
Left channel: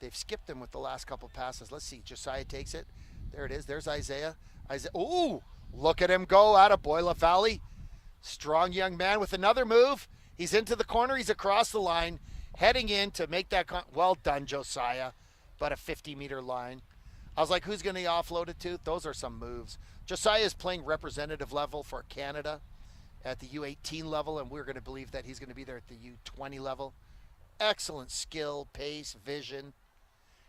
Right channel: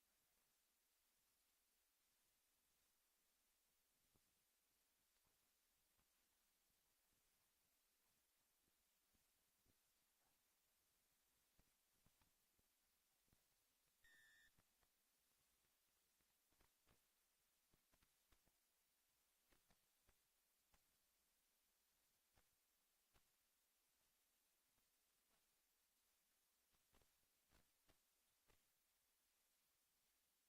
They've skipped him with the last couple passes. Let's see. Josiah takes it. There it is. There's Isaiah. Ooh, look at him go out of Boila Valley. Strong young man with another move. He's into the corner. He's across the line, heading in to make that. Well done, Josiah. But a 50-meter line. I was like, who's going to offload it to? Those are some moves. Josiah is playing representative level for Canada at the U18 level, and we're going to believe that he's going to be there at the U20 level. Excellent skill, pace, vision.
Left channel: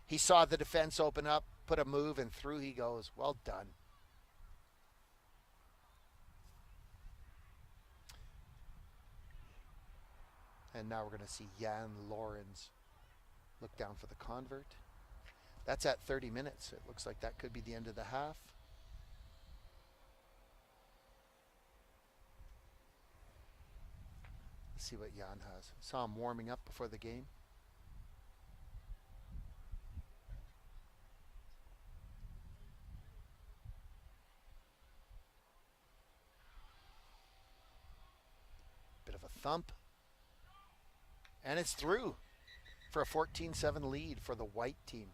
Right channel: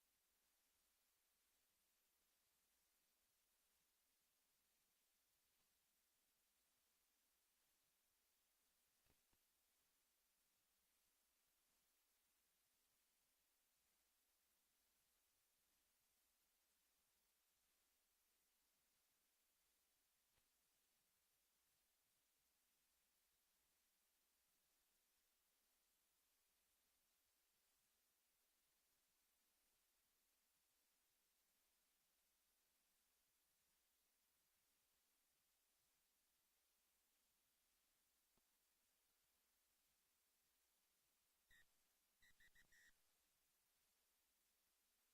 He saw the defense open up, put a move, and through he goes. Well done. And now we're going to see Jan Lorenz look down for the convert. That's at 30 minutes. It looks like that could be the end of the half. Let's see what Jan has. Saw him warming up before the game. Bit of a thump. And it's through for a 14-7 lead for the white team.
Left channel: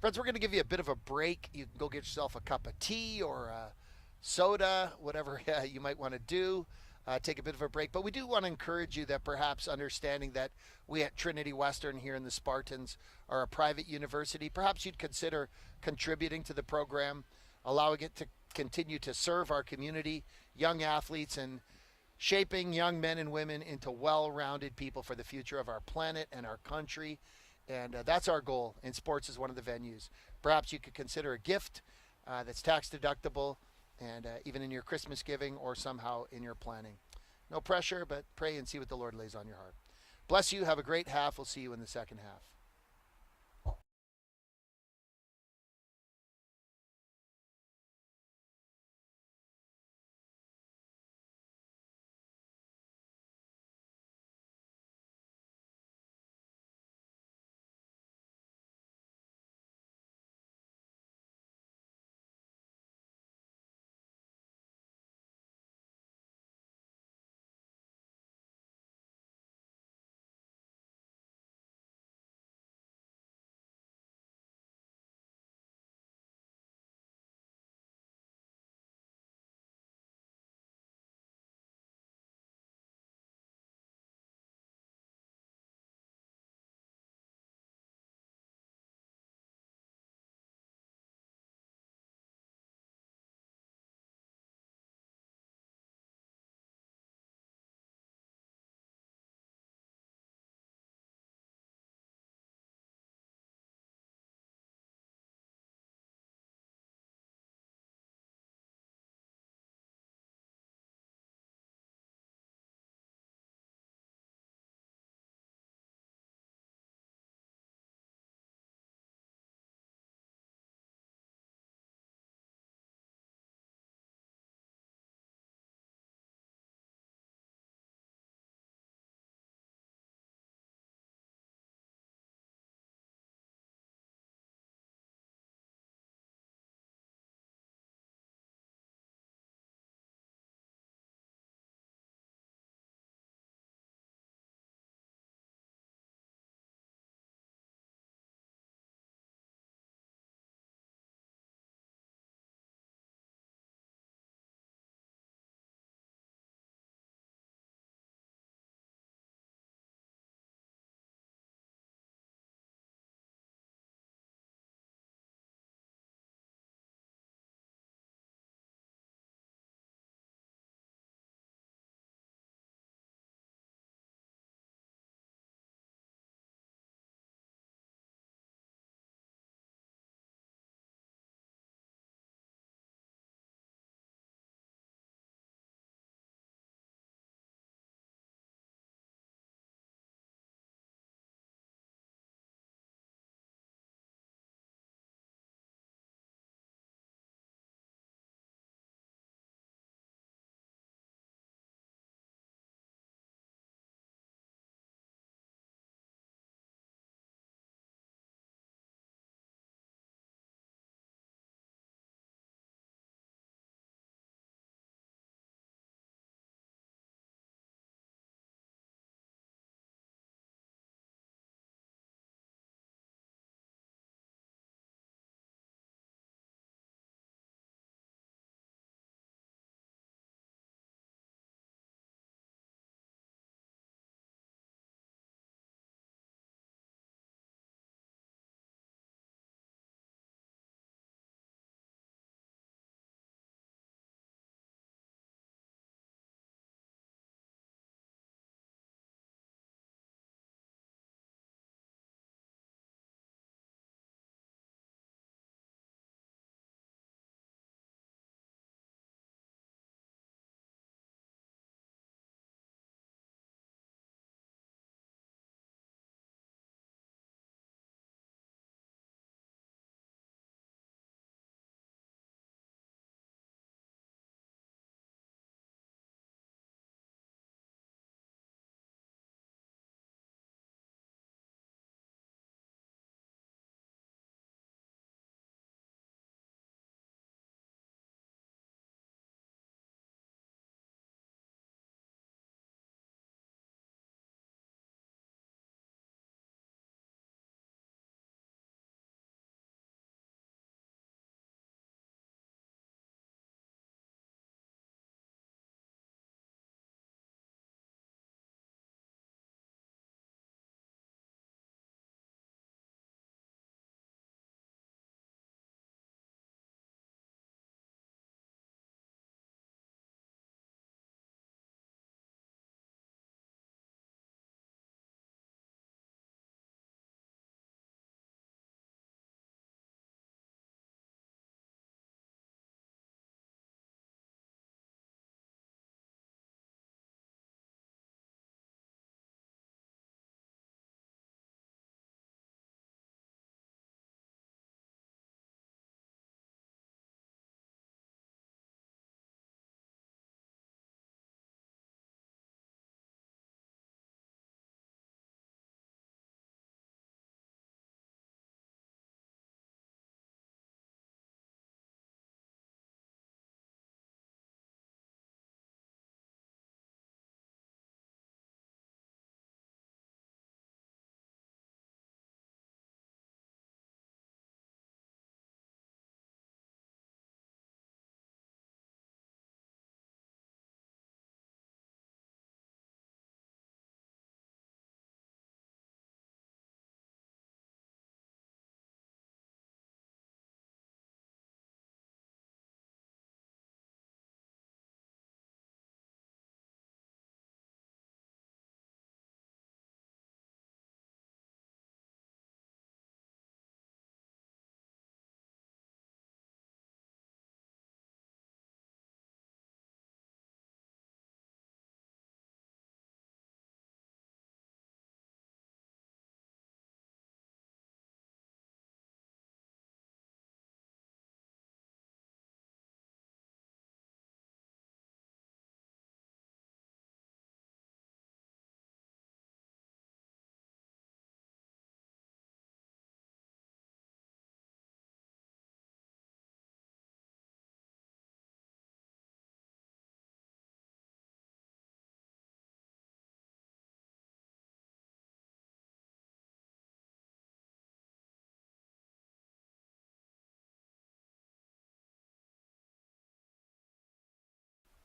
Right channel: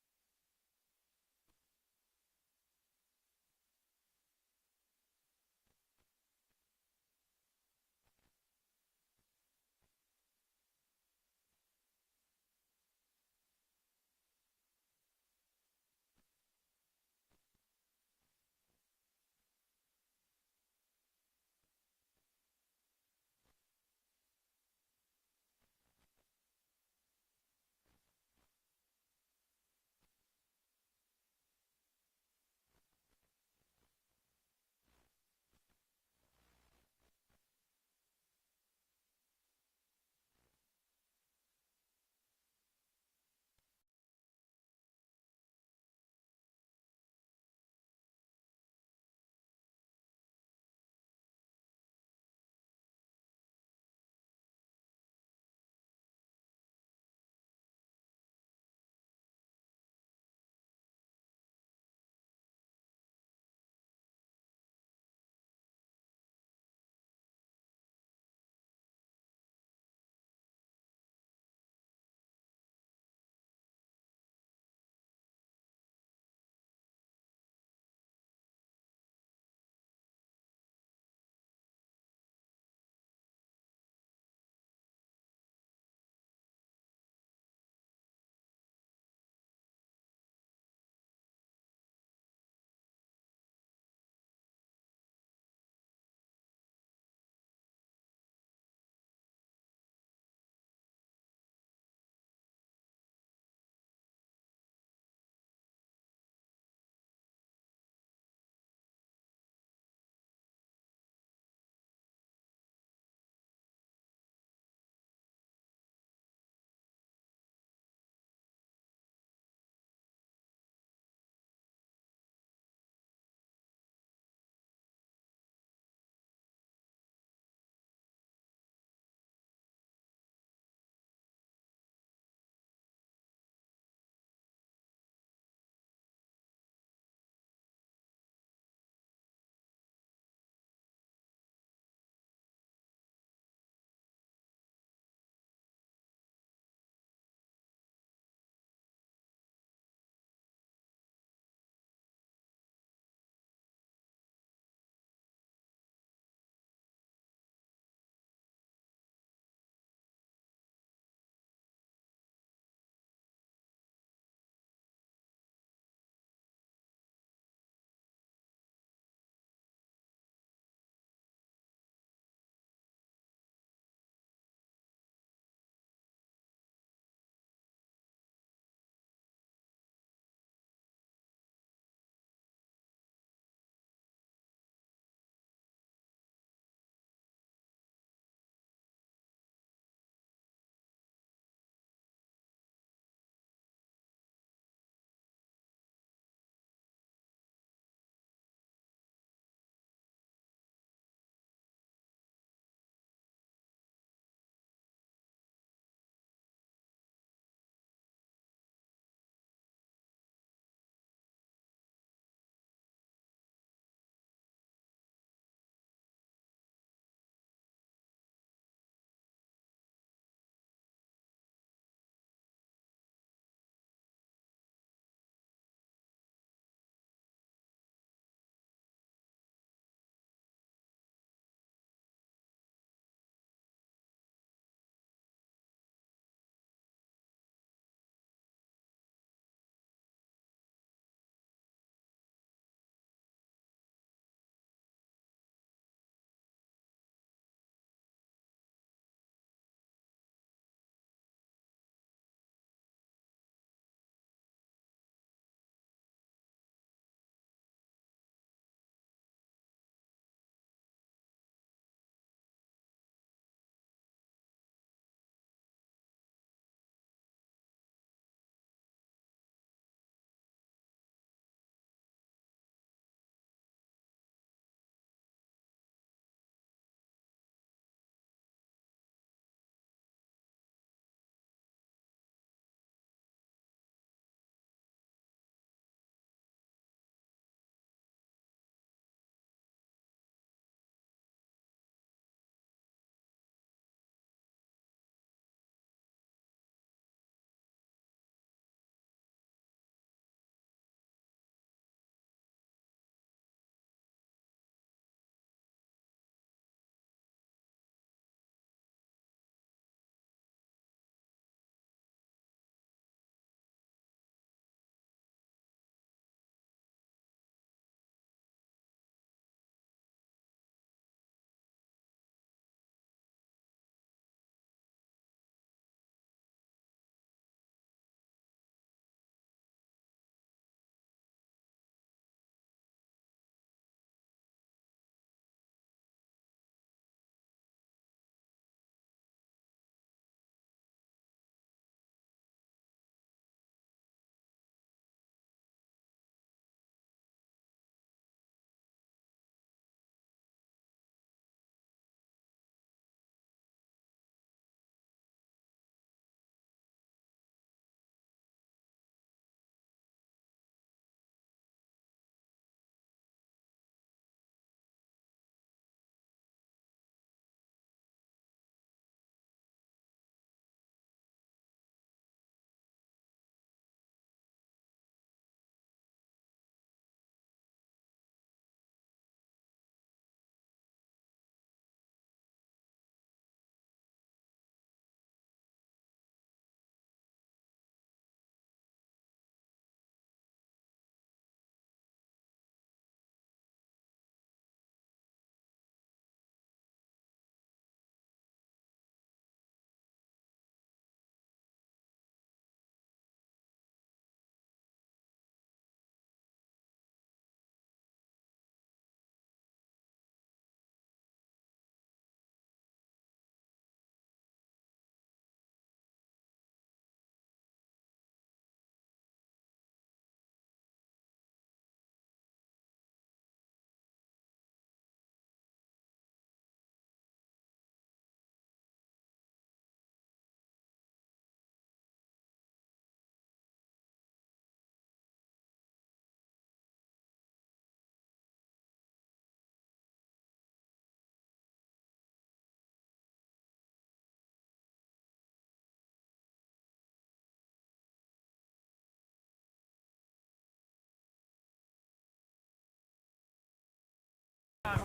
Friends, we're going to give you a bit of a break. You can go get yourself a cup of tea or a soda, whatever you might want to do. Take a bit of a break. But we do want to encourage you that perhaps understanding that we at Trinity Western here in the Spartans are a private university, perhaps you'd consider contributing to the program, allowing it to continue to serve our community, young athletes, and shaping young men and women into well-rounded people for the future of our planet and our country. And that's our goal, and sports is one of the venues. Perhaps you could consider a gift that's tax deductible, and even in your Christmas giving or somehow in your planning. No pressure, but pray and see what the Lord lays on your heart. Bless you. Have a great half. We'll see you in the second half.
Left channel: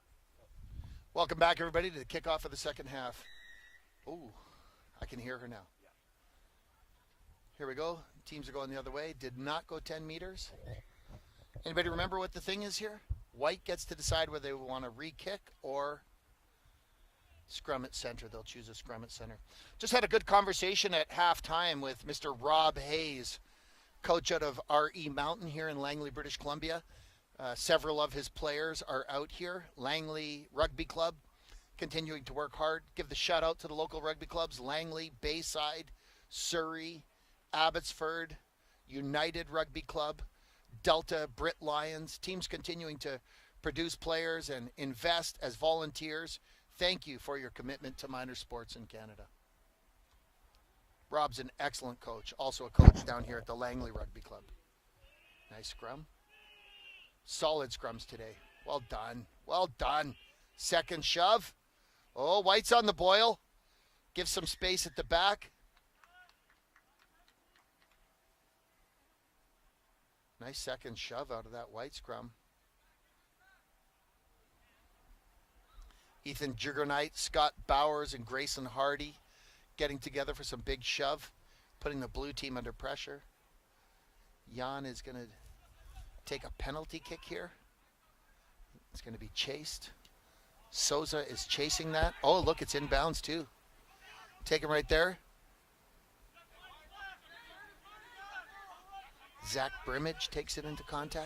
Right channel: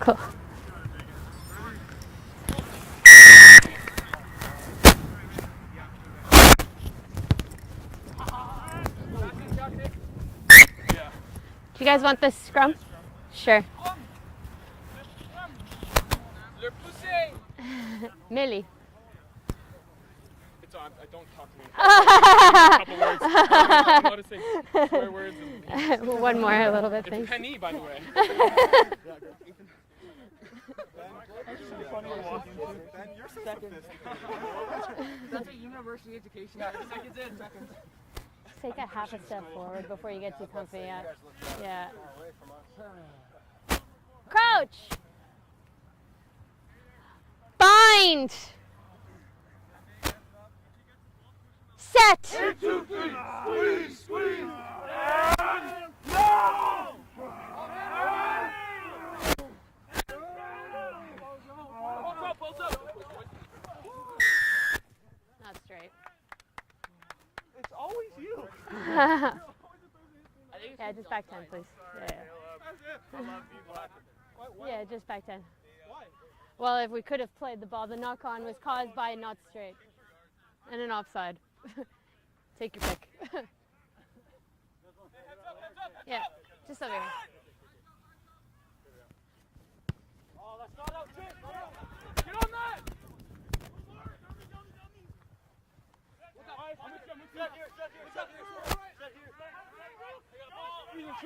Cool. Welcome back, everybody, to the kickoff of the second half. Here we go. Teams going the other way. Did not go 10 meters. Anybody You guys want remember what this the thing scrum? is here? Sure. White gets to decide whether they want to re-kick or scrum at center. They Millie. choose a scrum at center. Just had a good conversation at halftime. Coach out of Arden Mountain here in Langley. One more, a little bit, thanks. Several of his players are out here. Langley Rugby Club continuing to work hard. Give the shout out to the local rugby clubs: Langley, Bayside, Surrey, Abbotsford, Take a half a United step Rugby forward before Club, you get too comfy. Delta, Brit Yeah. Lions. Teams continuing to produce players Crouch. and invest as volunteers. Thank you for your Bind. commitment to sports in Canada. Rob's an excellent Set. coach. Also coach down here at the Langley Rugby. Scrum. Solid scrums today. Well done. Well done. Second shove. Oh, White's on the boil. Give some space at the back. Not straight. It's always you. Nice second just shove back out of 10, that White please. scrum. Yeah, just back 10. Ethan Well, if we Juggernight, could have Scott played the ball, the Bowers, knock and on was Grayson caused by Hardy not straight. getting together for some big And an shove, offside. putting the blue team under Take your pick. pressure. Jan is going to Yeah. take a penalty okay. kick here. It's going to be chased. Souza is chasing that. Oh, look, it's inbounds too. Take him right there. Zach Brimage takes it into contact.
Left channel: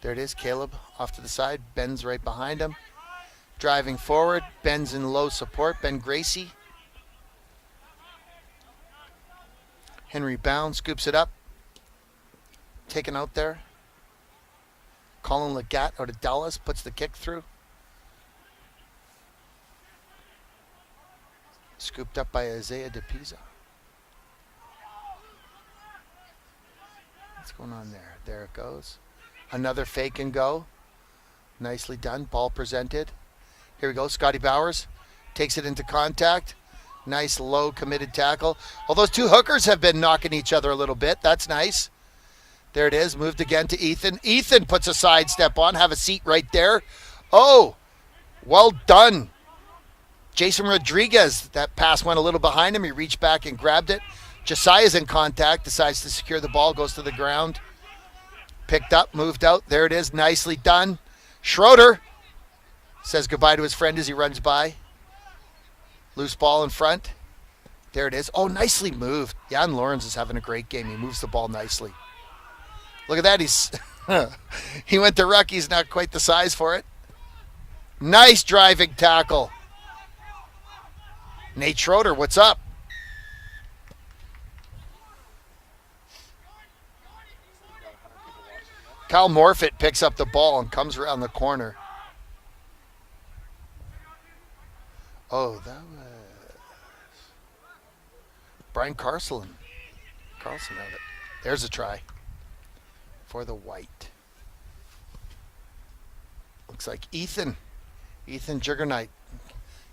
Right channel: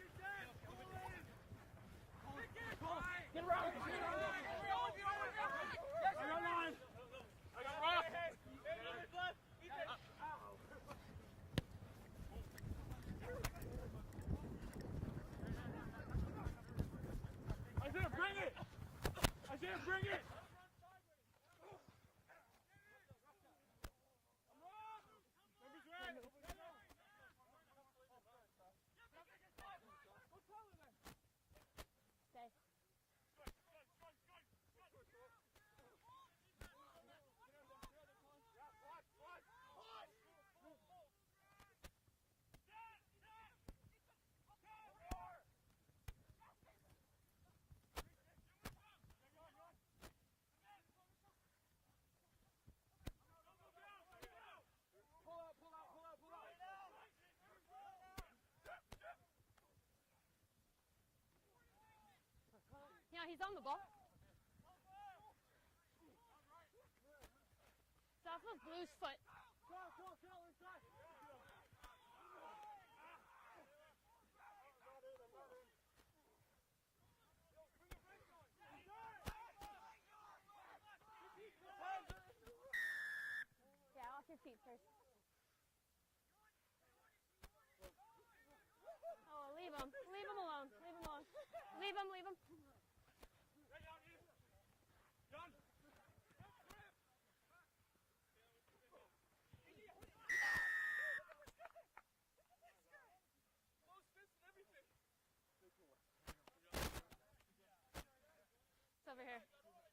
There it is, Caleb off to the side. Ben's right behind him. Driving forward. Ben's in low support. Ben Gracie. Henry Bound scoops it up. Taken out there. Colin Legat out of Dallas puts the kick through. Scooped up by Isaiah DePisa. What's going on there? There it goes. Another fake and go. Nicely done. Ball presented. Here we go. Scotty Bowers takes it into contact. Nice low committed tackle. Well, those two hookers have been knocking each other a little bit. That's nice. There it is. Moved again to Ethan. Ethan puts a sidestep on. Have a seat right there. Oh, well done. Jason Rodriguez. That pass went a little behind him. He reached back and grabbed it. Josiah's in contact. Decides to secure the ball. Goes to the ground. Picked up. Moved out. There it is. Nicely done. Schroeder says goodbye to his friend as he runs by. Loose ball in front. There it is. Oh, nicely moved. Jan Lawrence is having a great game. He moves the ball nicely. Look at that. He's he went to ruck. He's not quite the size for it. Nice driving tackle. Nate Schroeder, what's up? Kyle Morfitt picks up the ball and comes around the corner. Oh, that was Brian Carlson. Carlson had it. There's a try for the White. Looks like Ethan Juggernight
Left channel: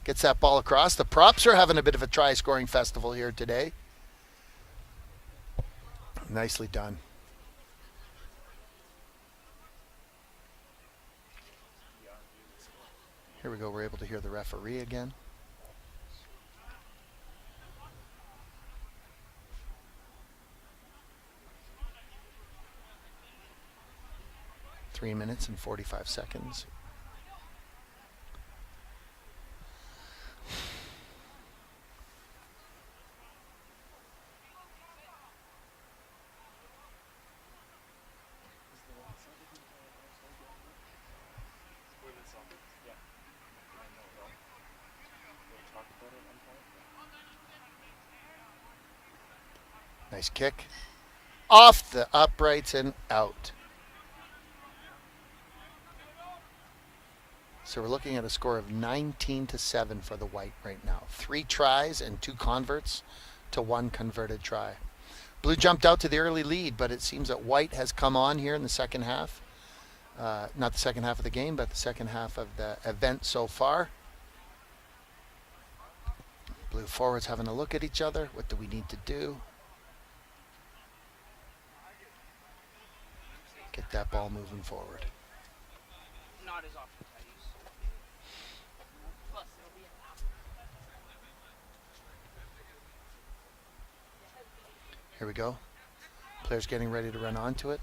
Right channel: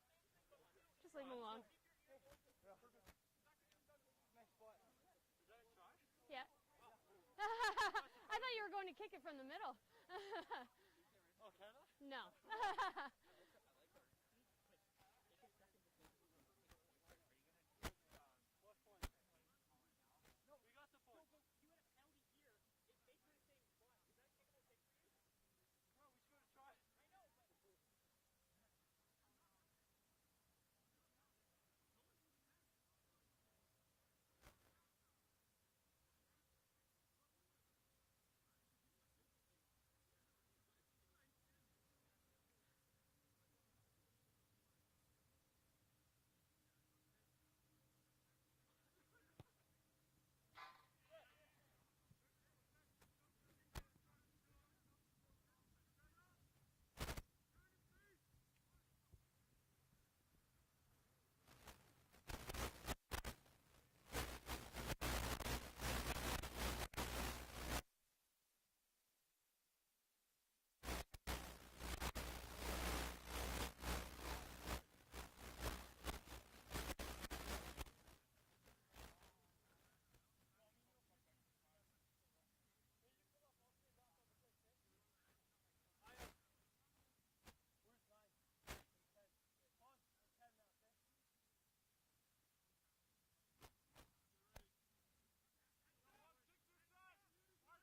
gets that ball across. The props are having a bit of a try-scoring festival here today. Nicely done. I thought you were going to kick it from the middle. Here we go. We're able to hear the referee again. Three minutes and 45 seconds. Nice kick. Off the uprights and out. So we're looking at a score of 19-7 for the White right now. 3 tries and 2 converts to 1 converted try. Blue jumped out to the early lead, but it seems that White has come on here in the second half. Not the second half of the game, but the second half of the event so far. Blue forwards having a look at each other. What do we need to do? Get get that ball moving forward. Here we go. Players getting ready to run onto it.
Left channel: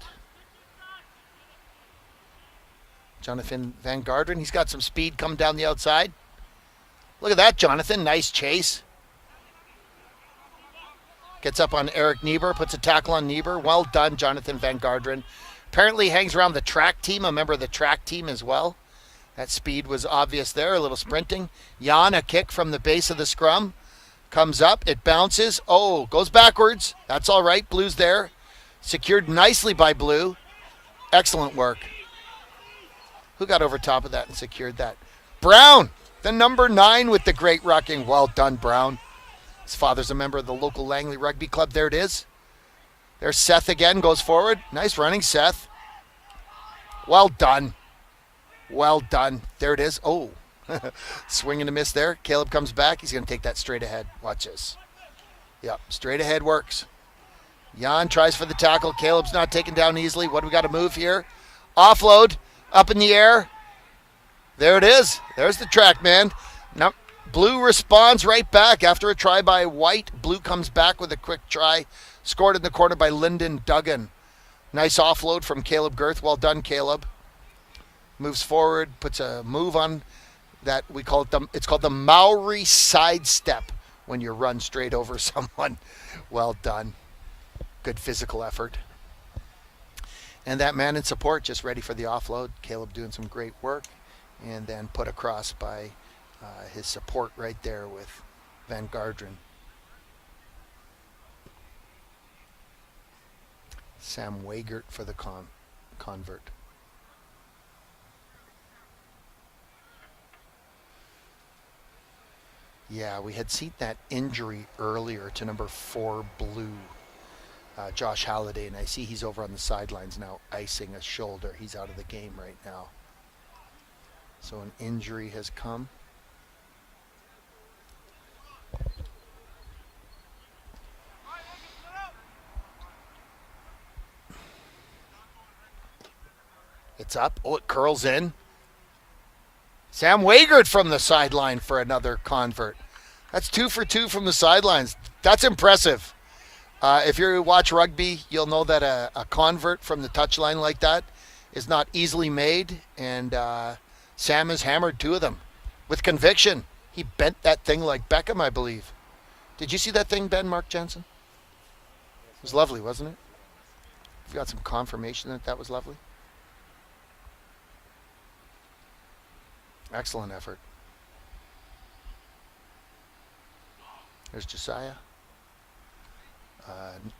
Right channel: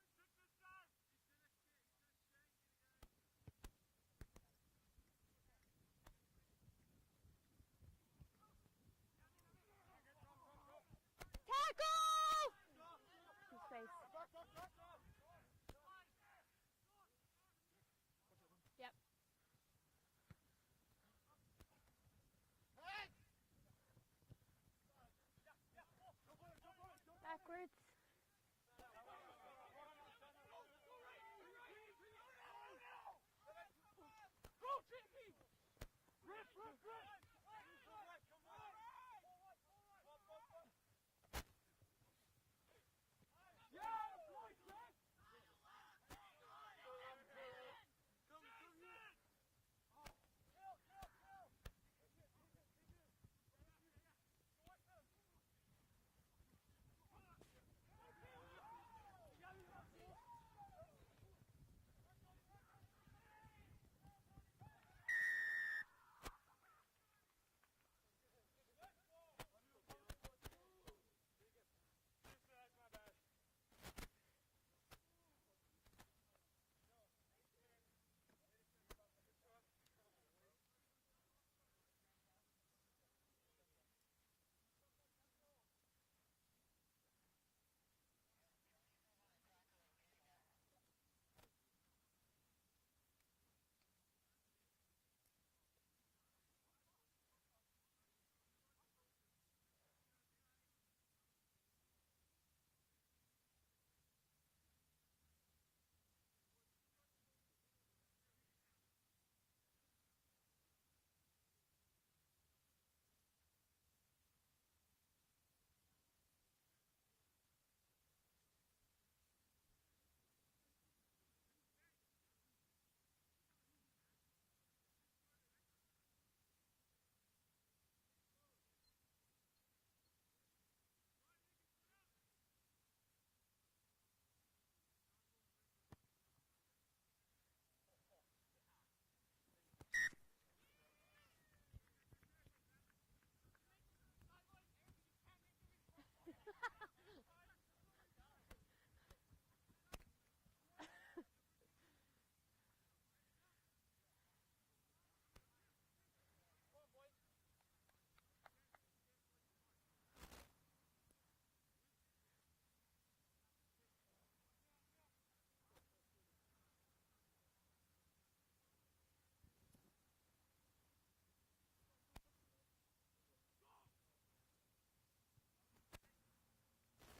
Jonathan Van Garderen, he's got some speed coming down the outside. Look at that, Jonathan. Nice chase. Gets up on Eric Niebuhr, puts a tackle on Niebuhr. Well done, Jonathan Van Garderen. Apparently hangs around the track team, a member of the track team as well. That speed was obvious there, a little sprinting. Jan, a kick from the base of the scrum. Comes up, it bounces. Oh, goes backwards. That's all right, Blue's there. Secured nicely by Blue. Excellent work. Who got over top of that and secured that? Brown, the number 9 with the great rucking. Well done, Brown. His father's a member of the local Langley Rugby Club. There it is. There's Seth again, goes forward. Nice running, Seth. Well done. Well done. There it is. Oh, swing and a miss there. Caleb comes back. He's going to take that straight ahead. Watch this. Yep, straight ahead works. Jan tries for the tackle. Caleb's not taken down easily. What do we got to move here? Offload. Up in the air. There it is. There's the track man. Now, Blue responds right back after a try by White. Blue comes back with a quick try. Scored in the corner by Lyndon Duggan. Nice offload from Caleb Girth. Well done, Caleb. Moves forward, puts a move on that we call it it's called the Maori sidestep when you run straight over someone. Well done. Good physical effort. And that man in support just ready for the offload. Caleb doing some great work. And then put across by his support right there with Van Garderen. Sam Wiegert for the convert. Yeah, we had seen that injury earlier to number 4 Blue. Josh Halliday, and I see he's over on the sidelines now icing a shoulder. He's out of the game right now. So an injury has come. It's up. Oh, it curls in. Sam Wiegert from the sideline for another convert. That's 2 for 2 from the sidelines. That's impressive. If you watch rugby, you'll know that a convert from the touchline like that is not easily made, and Sam has hammered 2 of them with conviction. He bent that thing like Beckham, I believe. Did you see that thing, Ben, Mark Jensen? It was lovely, wasn't it? You got some confirmation that that was lovely? Excellent effort. There's Josiah.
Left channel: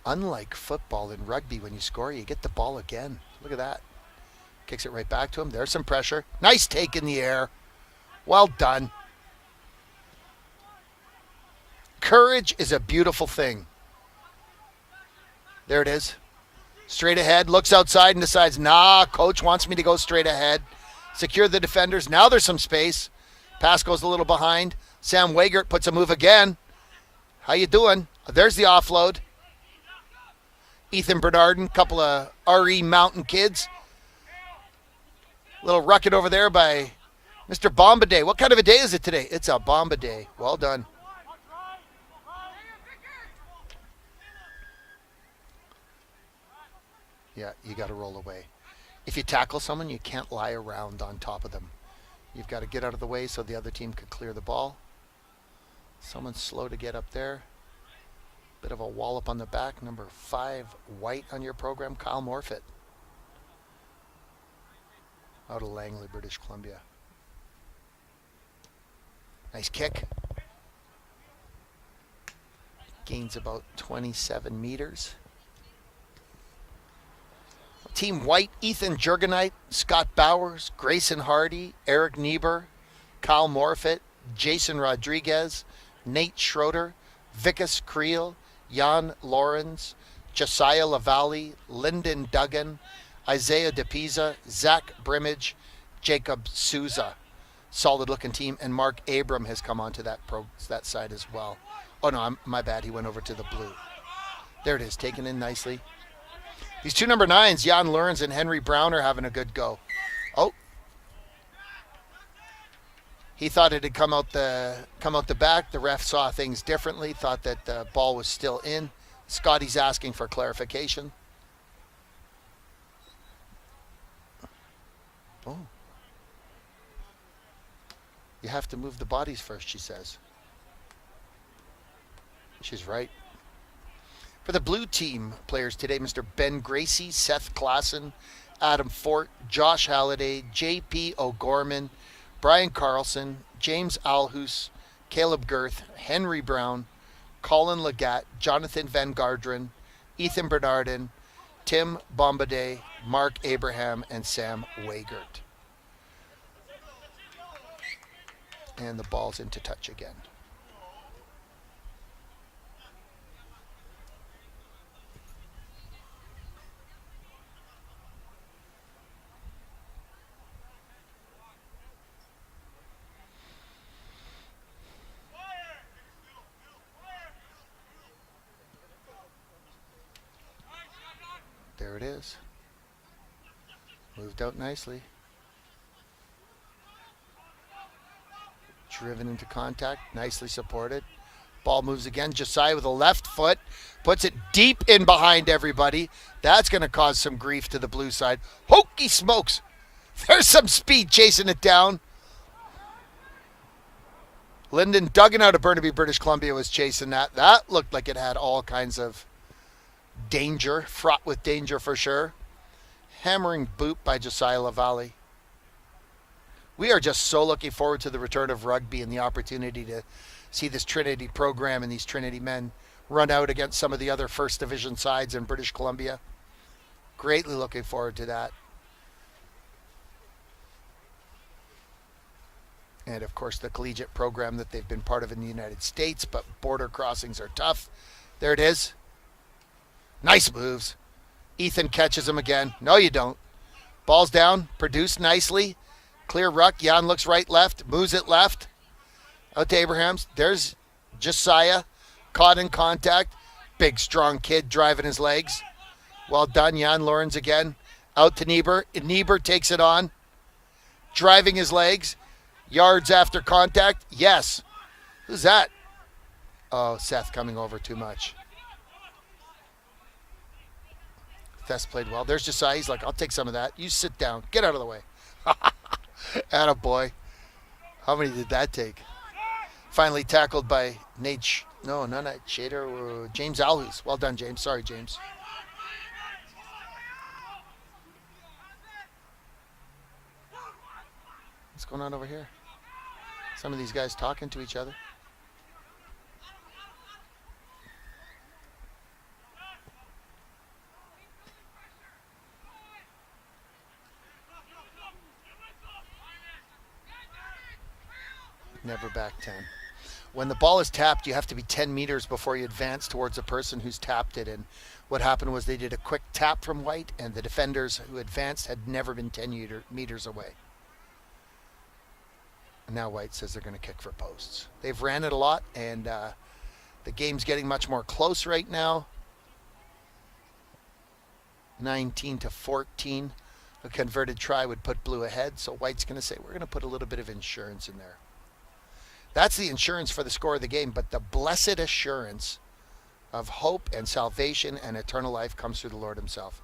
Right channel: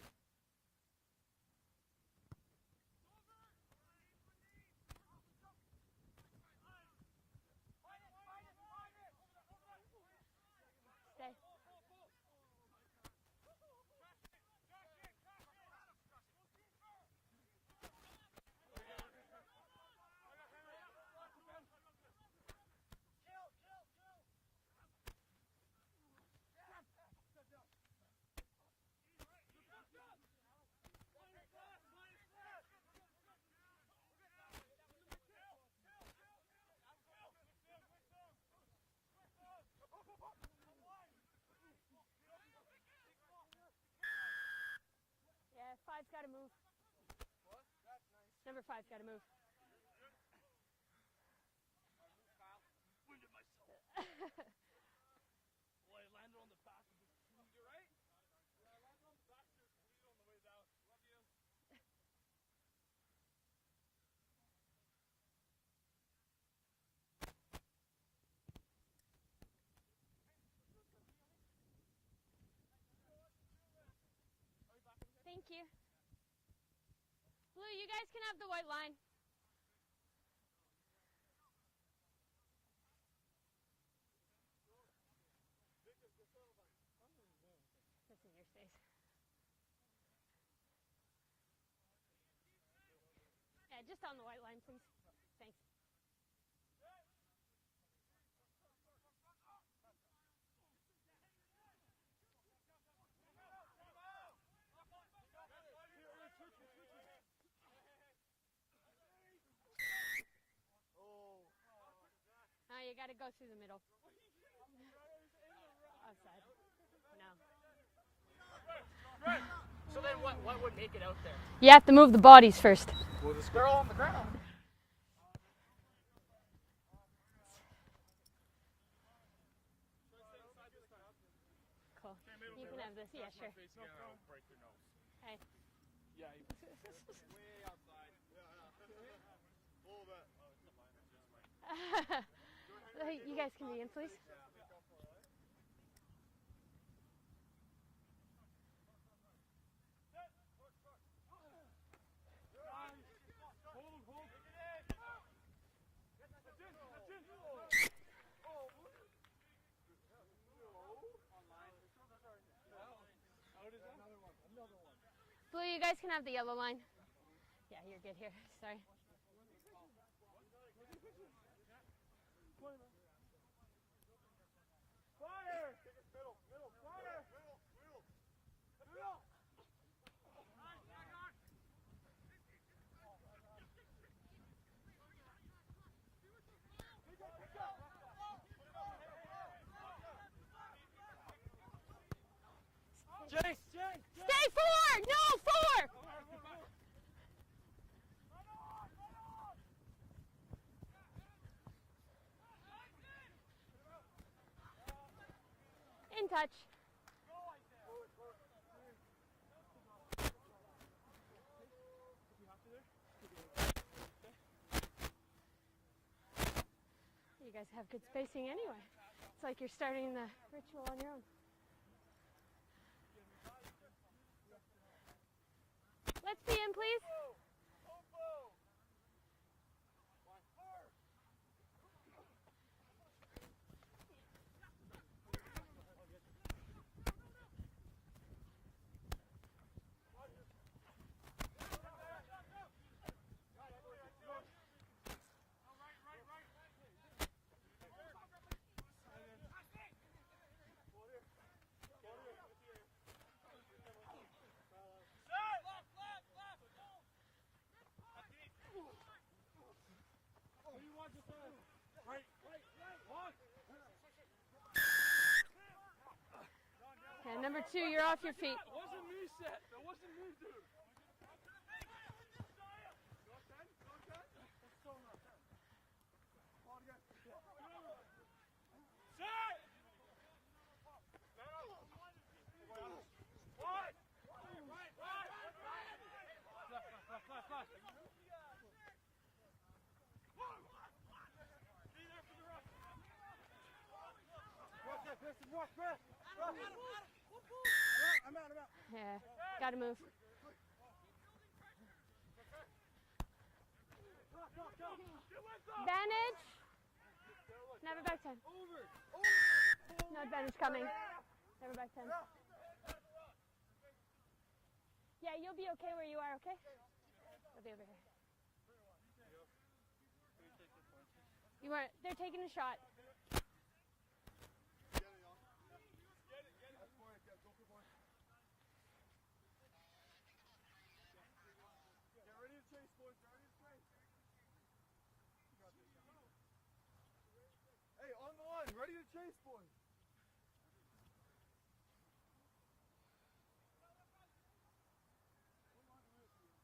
Unlike football and rugby, when you score, you get the ball again. Look at that. Kicks it right back to him. There's some pressure. Nice take in the air. Well done. Courage is a beautiful thing. There it is. Straight ahead, looks outside and decides, nah, coach wants me to go straight ahead. Secure the defenders. Now there's some space. Pass goes a little behind. Sam Wiegert puts a move again. How you doing? There's the offload. Ethan Bernardin, couple of RE Mountain kids. Little rucket over there by Mr. Bomba-Day. What kind of a day is it today? It's a Bomba-Day. Well done. Yeah, you got to roll away. If you tackle someone, you can't lie around on top of them. You've got to get out of the way so the other team can clear the ball. Someone's slow to get up there. Bit of a wallop on the back. Number 5, White on your program, Kyle Morfitt. Out of Langley, British Columbia. Nice kick. Gains about 27 meters. Team White, Ethan Jurgenite, Scott Bowers, Grayson Hardy, Eric Niebuhr, Kyle Morfitt, Jason Rodriguez, Nate Schroeder, Vikas Creel, Jan Lawrence, Josiah Lavallee, Lyndon Duggan, Isaiah DePisa, Zach Brimage, Jacob Souza. Solid looking team, and Mark Abram has come onto that side as well. Oh no, my bad, he went over to the blue. There it is, taken in nicely. These two number 9s, Jan Lawrence and Henry Brown, are having a good go. Oh. He thought it had come out the back. The ref saw things differently, thought that the ball was still in. Scotty's asking for clarification. You have to move the bodies first. Oh. You have to move the bodies first, she says. She's right. For the blue team players today, Mr. Ben Gracie, Seth Klassen, Adam Fort, Josh Halliday, J.P. O'Gorman, Brian Carlson, James Alhus, Caleb Girth, Henry Brown, Colin Legat, Jonathan Van Garderen, Ethan Bernardin, Tim Bombardier, Mark Abraham, and Sam Wiegert. And the ball's into touch again. Blue, you guys can have the yellow line. Yeah, you're good here. Sorry. There it is. Moved out nicely. Driven into contact, nicely supported. Ball moves again. Josiah with a left foot, puts it deep in behind everybody. That's going to cause some grief to the blue side. Hokey smokes. There's some speed chasing it down. Lyndon Duggan out of Burnaby, British Columbia was chasing that. That looked like it had all kinds of danger, fraught with danger for sure. Hammering boot by Josiah LaValle. We are just so looking forward to the return of rugby and the opportunity to see this Trinity program and these Trinity men run out against some of the other first division sides in British Columbia. Let's see him, please. Greatly looking forward to that. And of course the collegiate program that they've been part of in the United States, but border crossings are tough. There it is. Nice moves. Ethan catches him again. No, you don't. Ball's down, produced nicely. Clear ruck. Jan looks right, left, moves it left. Out to Abrahams. There's Josiah, caught in contact. Big, strong kid driving his legs. Well done, Jan Lawrence again. Out to Niebuhr. Niebuhr takes it on. Driving his legs. Yards after contact. Yes. Who's that? Oh, Seth coming over too much. Thess played well. There's Josiah. He's like, I'll take some of that. You sit down. Get out of the way. Attaboy. How many did that take? Finally tackled by Nate. No, not Nate Shader. James Alhus. Well done, James. Sorry, James. What's going on over here? Some of these guys talking to each other. Yeah, gotta move. Never back 10. When the ball is tapped, you have to be 10 meters before you advance towards the person who's tapped it. And what happened was they did a quick tap from White, and the defenders who advanced had never been 10 meters away. They're taking a shot. And now White says they're going to kick for posts. They've ran it a lot, and the game's getting much more close right now. 19-14. A converted try would put blue ahead, so White's going to say, we're going to put a little bit of insurance in there. That's the insurance for the score of the game, but the blessed assurance of hope and salvation and eternal life comes through the Lord himself.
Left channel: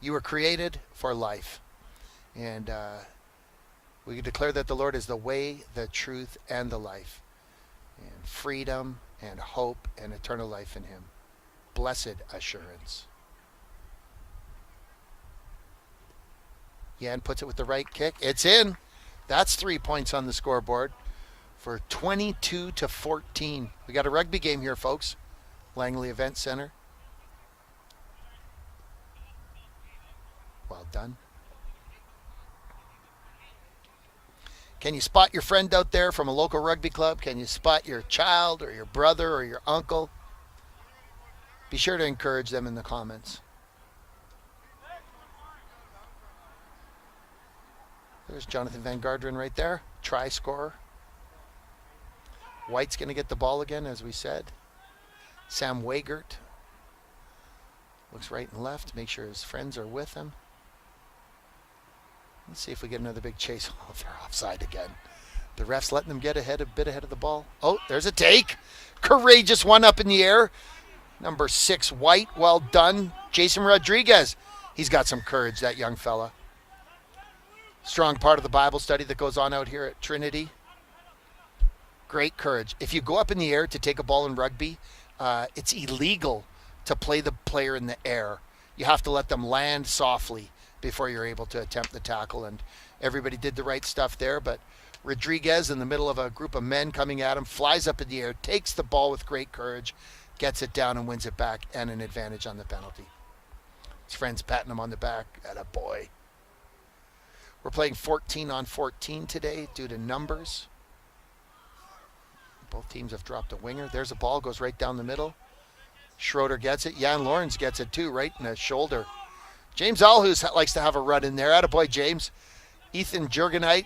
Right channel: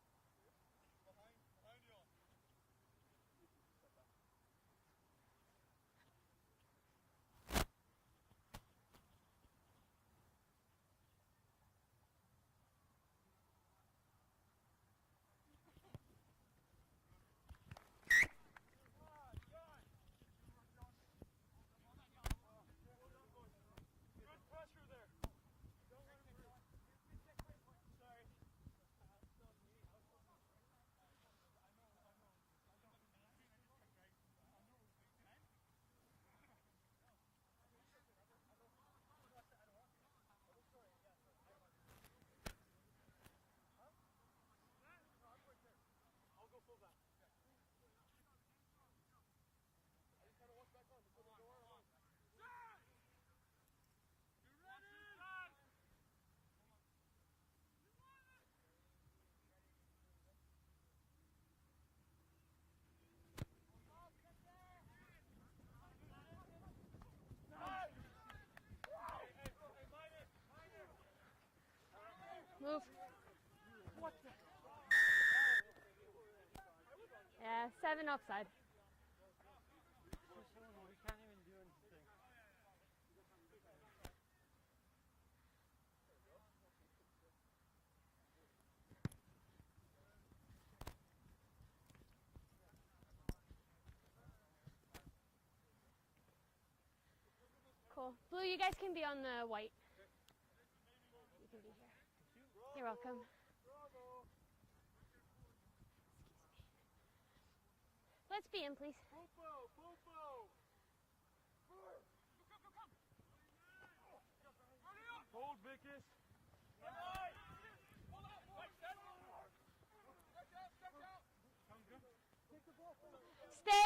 You were created for life, and we declare that the Lord is the way, the truth, and the life, and freedom and hope and eternal life in him. Blessed assurance. Jan puts it with the right kick. It's in. That's 3 points on the scoreboard for 22-14. We got a rugby game here, folks. Langley Event Center. Well done. Can you spot your friend out there from a local rugby club? Can you spot your child or your brother or your uncle? Be sure to encourage them in the comments. There's Jonathan Van Garderen right there. Try scorer. White's going to get the ball again, as we said. Sam Wiegert. Looks right and left, make sure his friends are with him. Let's see if we get another big chase. Oh, they're offside again. The ref's letting them get a bit ahead of the ball. Oh, there's a take. Courageous one up in the air. Number 6, White, well done. Jason Rodriguez. He's got some courage, that young fella. Strong part of the Bible study that goes on out here at Trinity. Great courage. If you go up in the air to take a ball in rugby, it's illegal to play the player in the air. You have to let them land softly before you're able to attempt the tackle. And everybody did the right stuff there, but Rodriguez, in the middle of a group of men coming at him, flies up in the air, takes the ball with great courage, gets it down and wins it back, and an advantage on the penalty. His friends patting him on the back. Atta boy. We're playing 14 on 14 today due to numbers. Both teams have dropped a winger. There's a ball, goes right down the middle. Schroeder gets it. Jan Lawrence gets it too, right in the shoulder. James Alhus likes to have a run in there. Atta boy, James. Ethan Jurgenite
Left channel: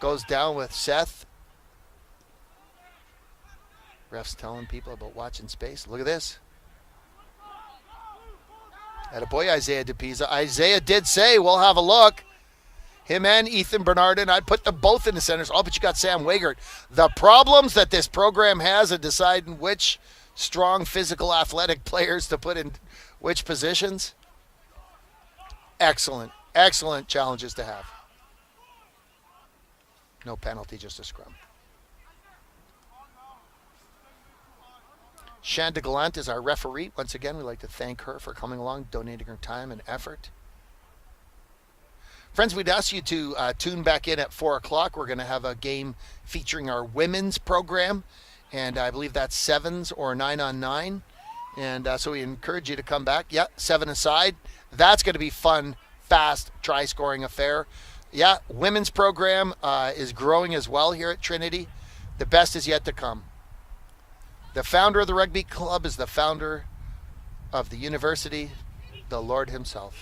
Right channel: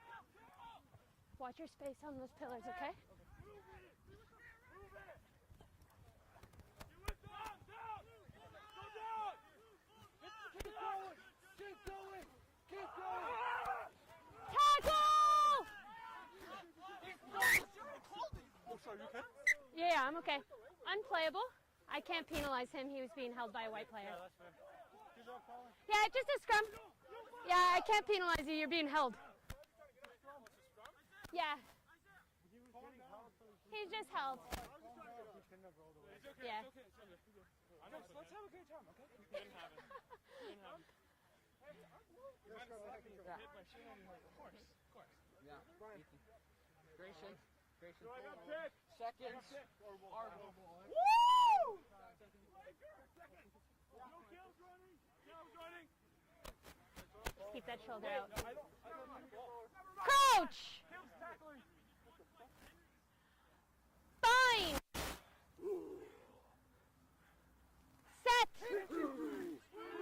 goes down with Seth. Watch your space on those pillars, okay? Ref's telling people about watching space. Look at this. Attaboy, Isaiah DePisa. Isaiah did say, we'll have a look. Him and Ethan Bernardin, I'd put them both in the centers. Oh, but you got Sam Wiegert. The problems that this program has in deciding which strong, physical, athletic players to put in which positions. Excellent, excellent challenges to have. I can't penalize you, you're being held. No penalty, just a scrum. Yeah. He's just held. Shanda Gallant is our referee. Once again, we'd like to thank her for coming along, donating her time and effort. Friends, we'd ask you to tune back in at 4 o'clock. We're going to have a game featuring our women's program, and I believe that's 7s or 9 on 9. And so we encourage you to come back. Yeah, 7-a-side. That's going to be fun, fast, try-scoring affair. Yeah, women's program is growing as well here at Trinity. The best is yet to come. The founder of the rugby club is the founder of the university, the Lord himself.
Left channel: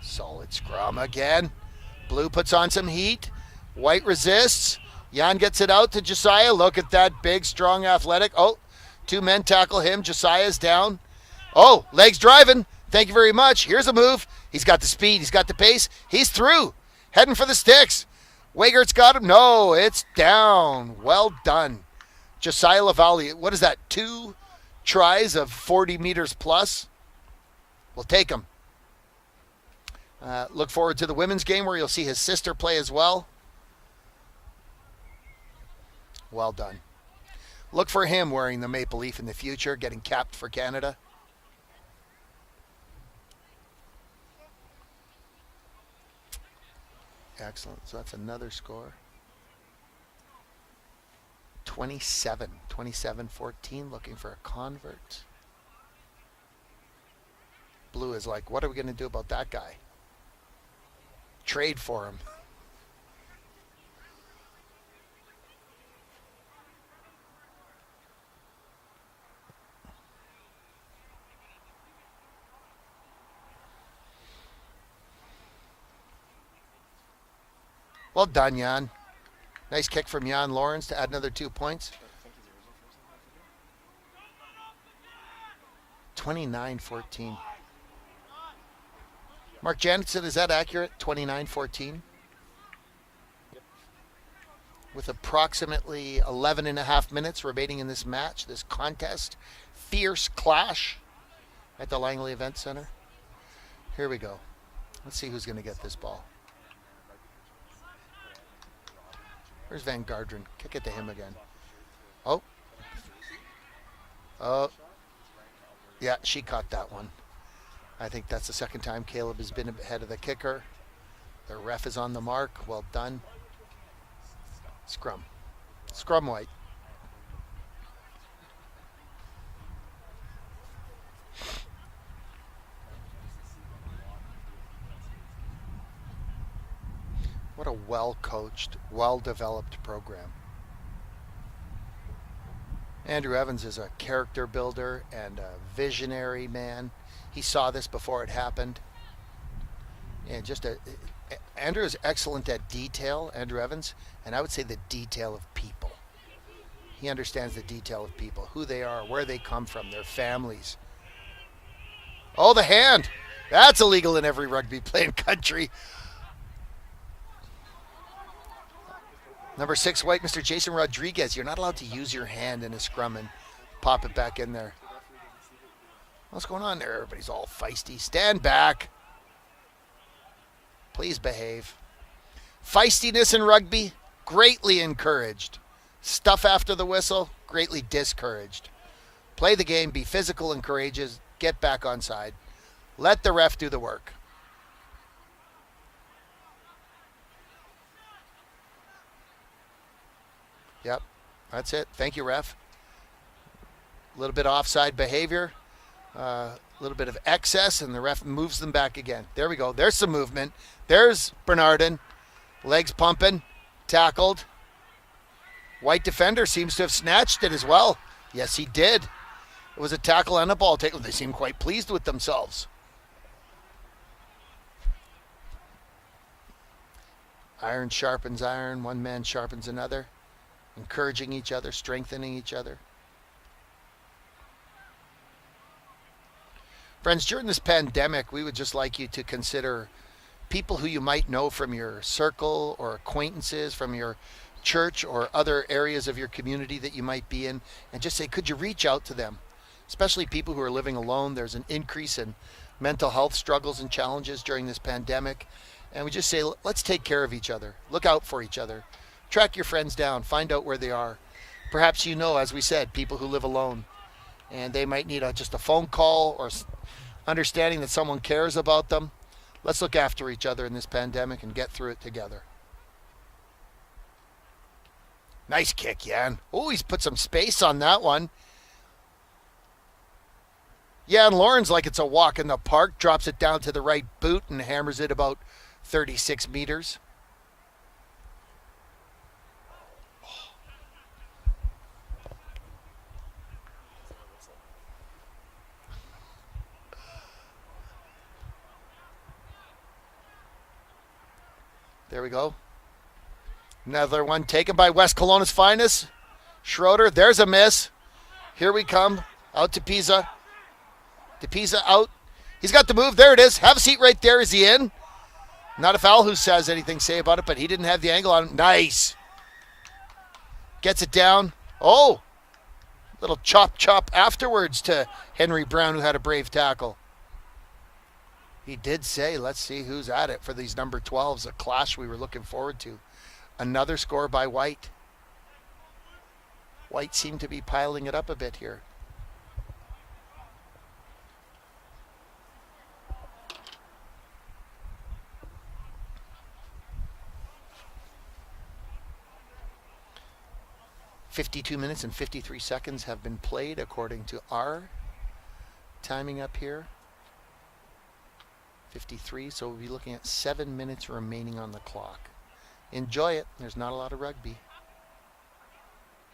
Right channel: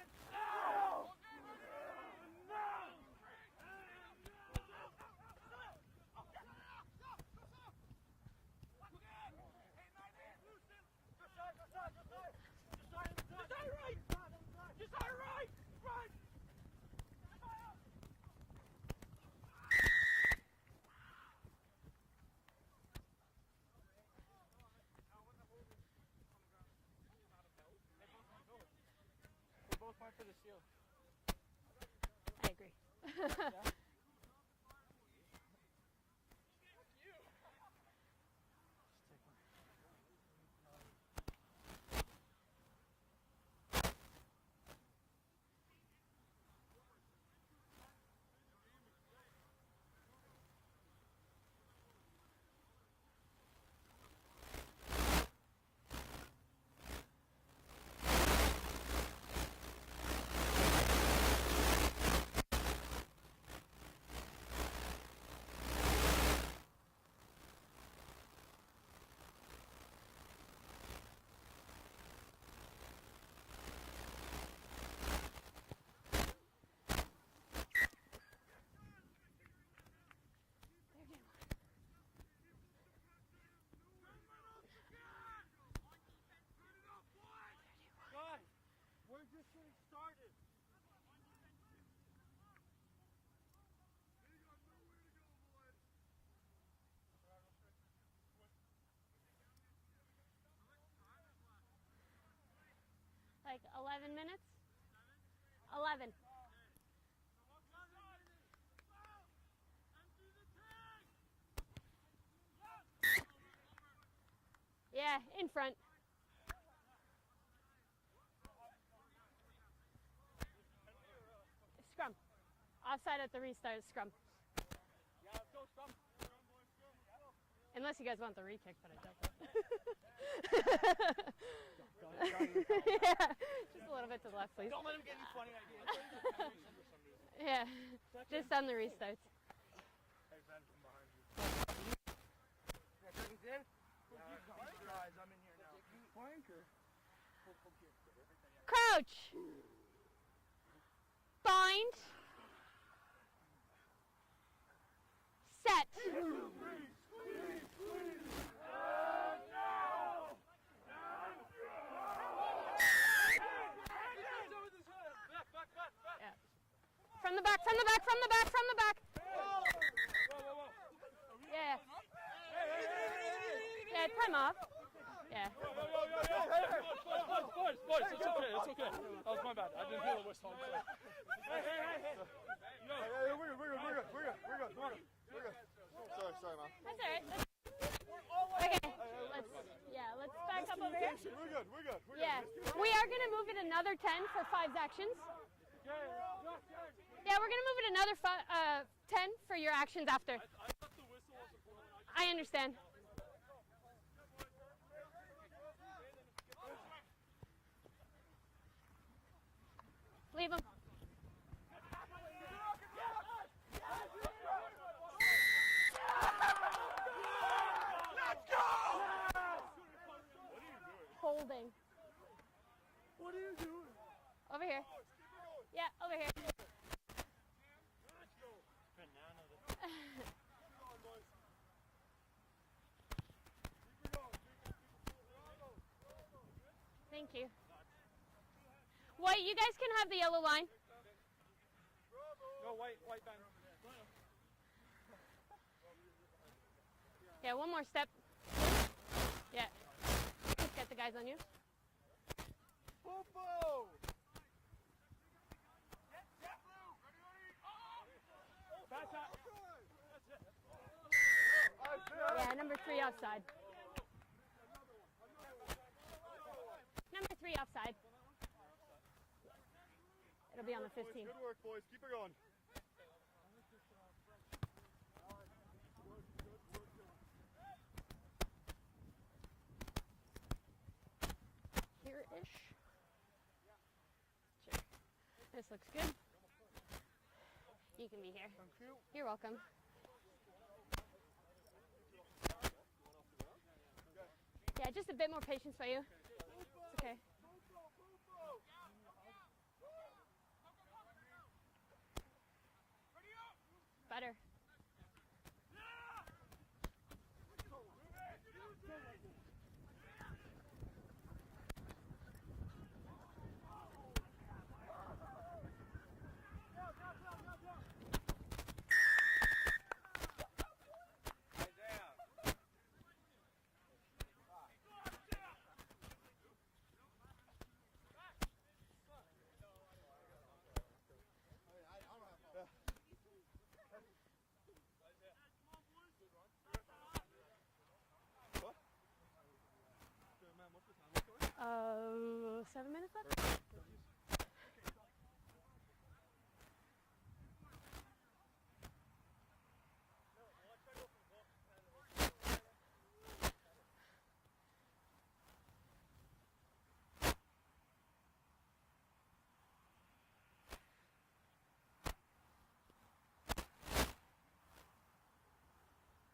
Solid scrum again. Blue puts on some heat. White resists. Jan gets it out to Josiah. Look at that big, strong, athletic. Oh, 2 men tackle him. Josiah's down. Oh, legs driving. Thank you very much. Here's a move. He's got the speed. He's got the pace. He's through. Heading for the sticks. Wiegert's got him. No, it's down. Well done. Josiah Lavallee. What is that? 2 tries of 40 meters plus? We'll take him. Look forward to the women's game where you'll see his sister play as well. Well done. Look for him wearing the maple leaf in the future, getting capped for Canada. Excellent. So that's another score. 27-14, looking for a convert. Blue is like, what are we going to do about that guy? Trade for him. Well done, Jan. Nice kick from Jan Lawrence to add another 2 points. 29-14. Mark Jansen, is that accurate? 29-14? With approximately 11.5 minutes remaining in this match, this contest. Fierce clash at the Langley Event Center. Here we go. Let's see who's going to get this ball. Where's Van Garderen? Kick it to him again. Oh. Oh. Yeah, in front. Yeah, she caught that one. I think that's the second time Caleb has been ahead of the kicker. The ref is on the mark. Well done. Outside at the restart, scrum. Scrum. Scrum White. Unless you guys want the replay. Yeah. Just a little bit to the left, please. Yeah. What a well-coached, well-developed program. Andrew Evans is a character builder and a visionary man. He saw this before it happened. Crouch. And just Andrew is excellent at detail, Andrew Evans, and I would say the detail of people. He understands the detail of people, who they are, where they come from, their families. Oh, the hand. That's illegal in every rugby playing country. From the back, from the back, from the back, from the back. Number 6 white, Mr. Jason Rodriguez. You're not allowed to use your hand in a scrum and pop it back in there. What's going on there? Everybody's all feisty. Stand back. Please behave. Feistiness in rugby, greatly encouraged. Stuff after the whistle, greatly discouraged. Play the game, be physical and courageous, get back on side. Let the ref do the work. 10 for 5 actions. Yeah, we're going to move it another 10 for your actions after. Yep, that's it. Thank you, I ref. understand. A little bit of offside behavior, a little bit of excess, and the ref moves them back again. There we go. There's some movement. There's Bernardin. Legs pumping, tackled. White defender seems to have snatched it as well. Yes, he did. It was a tackle and a ball tackle. They seem quite pleased with themselves. Over here. Yeah, over here. Iron sharpens iron. One man sharpens another. Encouraging each other, strengthening each other. Friends, during this pandemic, we would just like you to consider people who you might know from your circle or acquaintances, from your church or other areas of your community that you might be in, and just say, could you reach out to them? Especially people who are living alone. There's an increase in mental health struggles and challenges during this pandemic. And we just say, let's take care of each other. Look out for each other. Track your friends down. Find out where they are. Perhaps you know, as we said, people who live alone. And they might need just a phone call or understanding that someone cares about them. Let's look after each other in this pandemic and get through it together. Nice kick, Jan. Oh, he's put some space on that one. Jan Lawrence, like it's a walk in the park, drops it down to the right boot and hammers it about 36 meters. You can be here. You're welcome. Yeah, just a bit more patience for you. Okay. There we go. Another one taken by West Kelowna's finest. Schroeder, there's a miss. Here we come. Out to Pisa. To Pisa out. He's got the move. There it is. Have a seat right there. Is he in? Not a foul who says anything to say about it, but he didn't have the angle on him. Nice. Gets it down. Oh. Little chop afterwards to Henry Brown, who had a brave tackle. He did say, let's see who's at it for these number 12s, a clash we were looking forward to. Another score by White. White seemed to be piling it up a bit here. 7 minutes left? 52 minutes and 53 seconds have been played according to our timing up here. 53, so we'll be looking at 7 minutes remaining on the clock. Enjoy it. There's not a lot of rugby.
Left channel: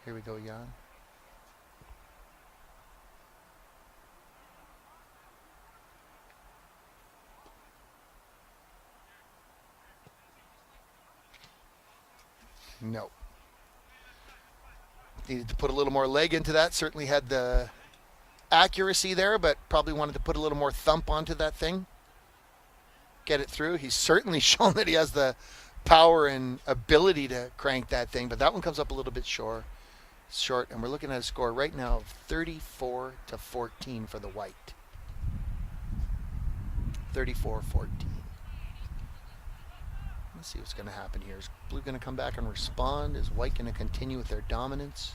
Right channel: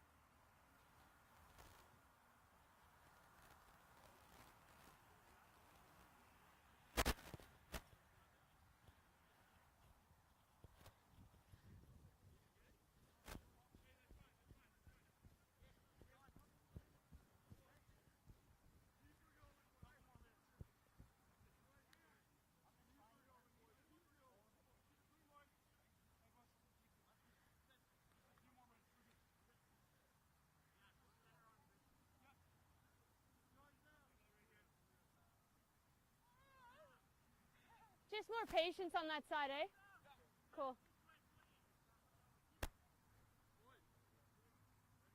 Here we go, Jan. No. Needed to put a little more leg into that. Certainly had the accuracy there, but probably wanted to put a little more thump onto that thing. Get it through. He's certainly shown that he has the power and ability to crank that thing, but that one comes up a little bit short, and we're looking at a score right now of 34-14 for the White. 34-14. Just more patience on that side, eh? Let's see what's going to happen here. Is Blue going to come back and respond? Is White going to continue with their dominance?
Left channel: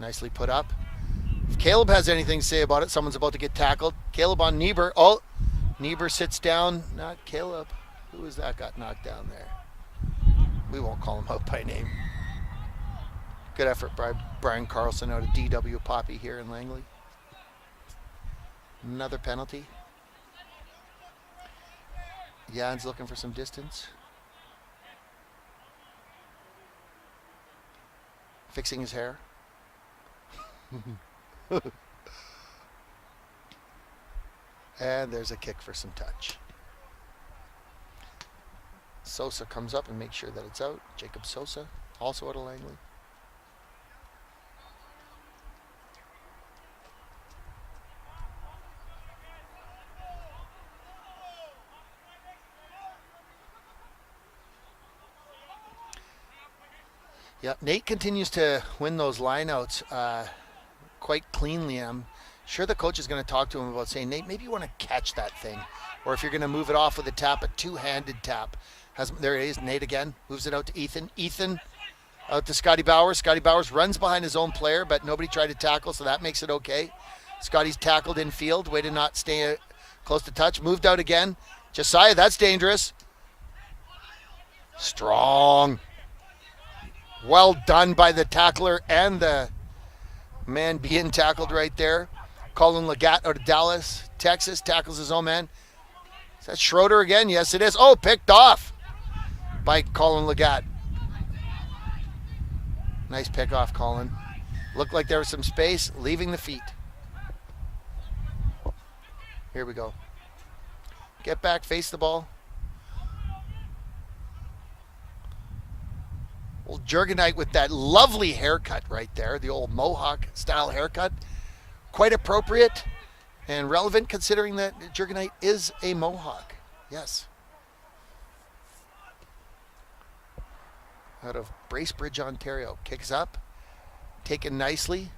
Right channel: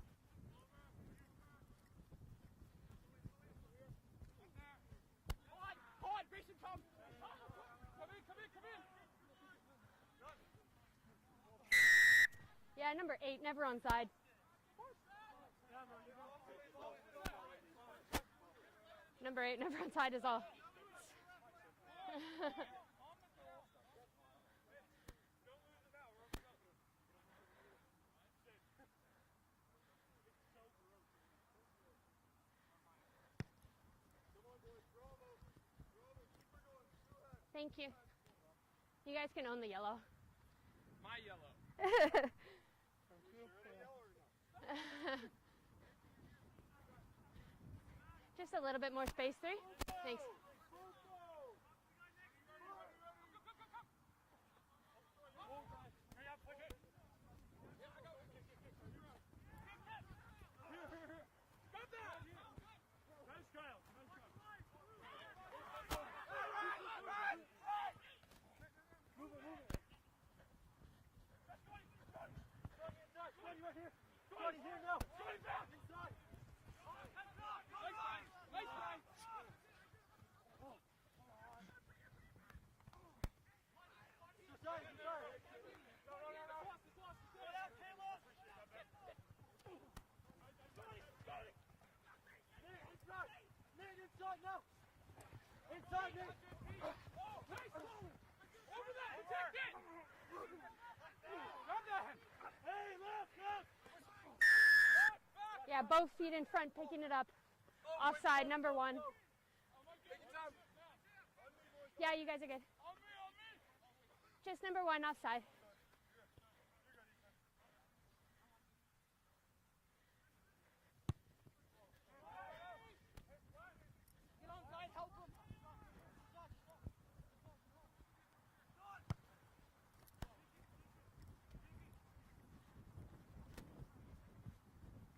Nicely put up. If Caleb has anything to say about it, someone's about to get tackled. Caleb on Niebuhr. Oh, Niebuhr sits down. Not Caleb. Who is that got knocked down there? We won't call him out by name. Yeah, number 8. Good effort by Brian Carlson out of DW Poppy here in Langley. Another penalty. Side is off. Jan's looking for some distance. Fixing his hair. And there's a kick for some touch. Thank you. Sosa comes up and makes sure that it's out. Jacob Sosa, also out of Langley. Just a little bit more space, 3. Thanks. Yeah, Nate continues to win those lineouts quite cleanly. I'm sure the coach is going to talk to him about saying, Nate, maybe you want to catch that thing. Or if you're going to move it off with a tap, a two-handed tap. There it is, Nate again, moves it out to Ethan. Ethan out to Scotty Bowers. Scotty Bowers runs behind his own player, but nobody tried to tackle, so that makes it okay. Scotty's tackled in field, way to not stay close to touch. Moved out again. Josiah, that's dangerous. Strong. Well done by the tackler and the man being tackled right there. Colin Legat out of Dallas, Texas, tackles his own man. Is that Schroeder again? Yes, it is. Oh, picked off by Colin Legat. Nice pick off, Colin. Looked like there was some space, leaving the feet. Offside, number 1. Here we go. Get back, face the ball. You guys are good. Just number 1, offside. Old Jurgenite with that lovely haircut right there, the old Mohawk style haircut. Quite appropriate and relevant considering that Jurgenite is a Mohawk. Yes. Out of Bracebridge, Ontario. Kicks up. Taken nicely